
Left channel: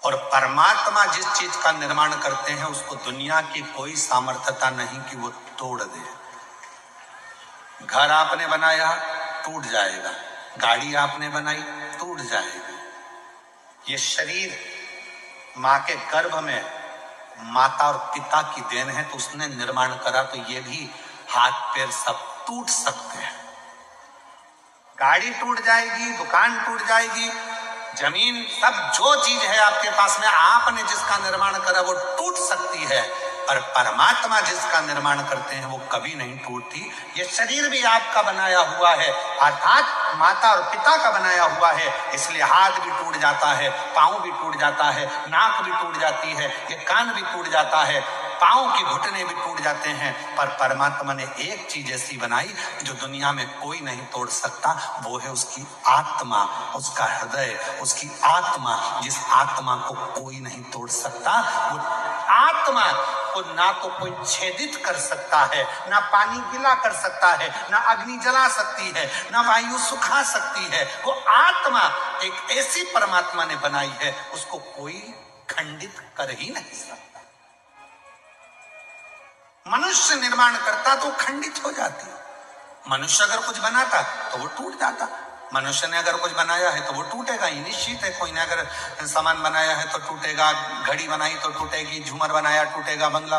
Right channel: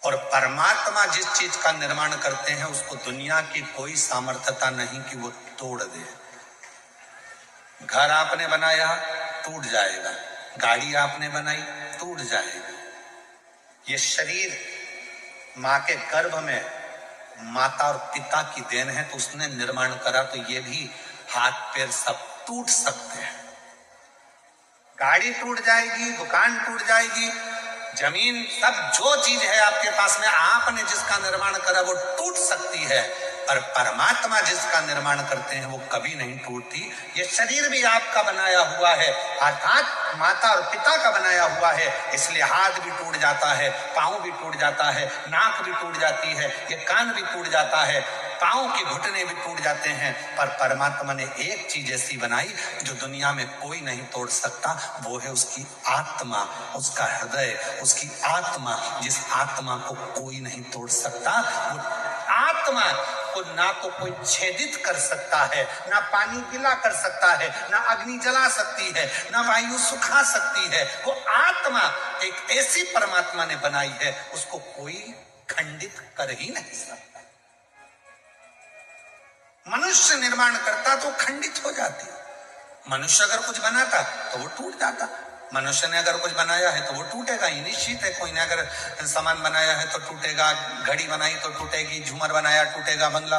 और परमात्मा जिस चीज का निर्माण करते हैं उसको दुनिया की कोई सामर्थ्यता नहीं कि वो तोड़ दे। घर आपने बनाया टूट जाएगा, गाड़ी आपने बनाई टूट जाएगी। ये शरीर मां के गर्भ में माता और पिता की देन है, तो उसने निर्माण करा, तो ये भी हाथ पैर सब टूट सकते हैं। गाड़ी टूट जाएगी, दुकान टूट जाएगी, जमीन, सब जो चीज है आपके पास में, आपने जिसका निर्माण करा वो टूट सकती है, पर परमात्मा जिसका निर्माण करते हैं वो कभी नहीं टूटती। ये शरीर भी आपका बनाया हुआ है, अर्थात माता और पिता का बनाया हुआ है, इसलिए हाथ भी टूट जाता है, पांव भी टूट जाता है, नाक भी टूट जाती है, ये कान भी टूट जाता है, पांव की घुटने भी टूट जाते हैं, पर परमात्मा ने एक चीज ऐसी बनाई जो दुनिया में कोई नहीं तोड़ सकता, वो है उसकी आत्मा, उसका हृदय, उसकी आत्मा, जिस आत्मा को कोई नहीं तोड़ सकता। वो आत्मा को ना तो कोई छेदित कर सकता है, ना पानी गिला कर सकता है, ना अग्नि जला सकती है, ना वायु सुखा सकती है। वो आत्मा एक ऐसी परमात्मा ने बनाई है, उसको कोई खंडित कर ही नहीं सकता। मनुष्य निर्माण करता तो खंडित हो जाती, मनुष्य अगर कुछ बनाता तो वो टूट जाता। मनुष्य ने अगर कुछ बनाया है तो वो टूटेगा ही, निश्चित है। कोई ने अगर सामान बनाया है तो टूटेगा, घड़ी बनाई तो टूटेगी, झूमर बनाया टूटेगा, बंगला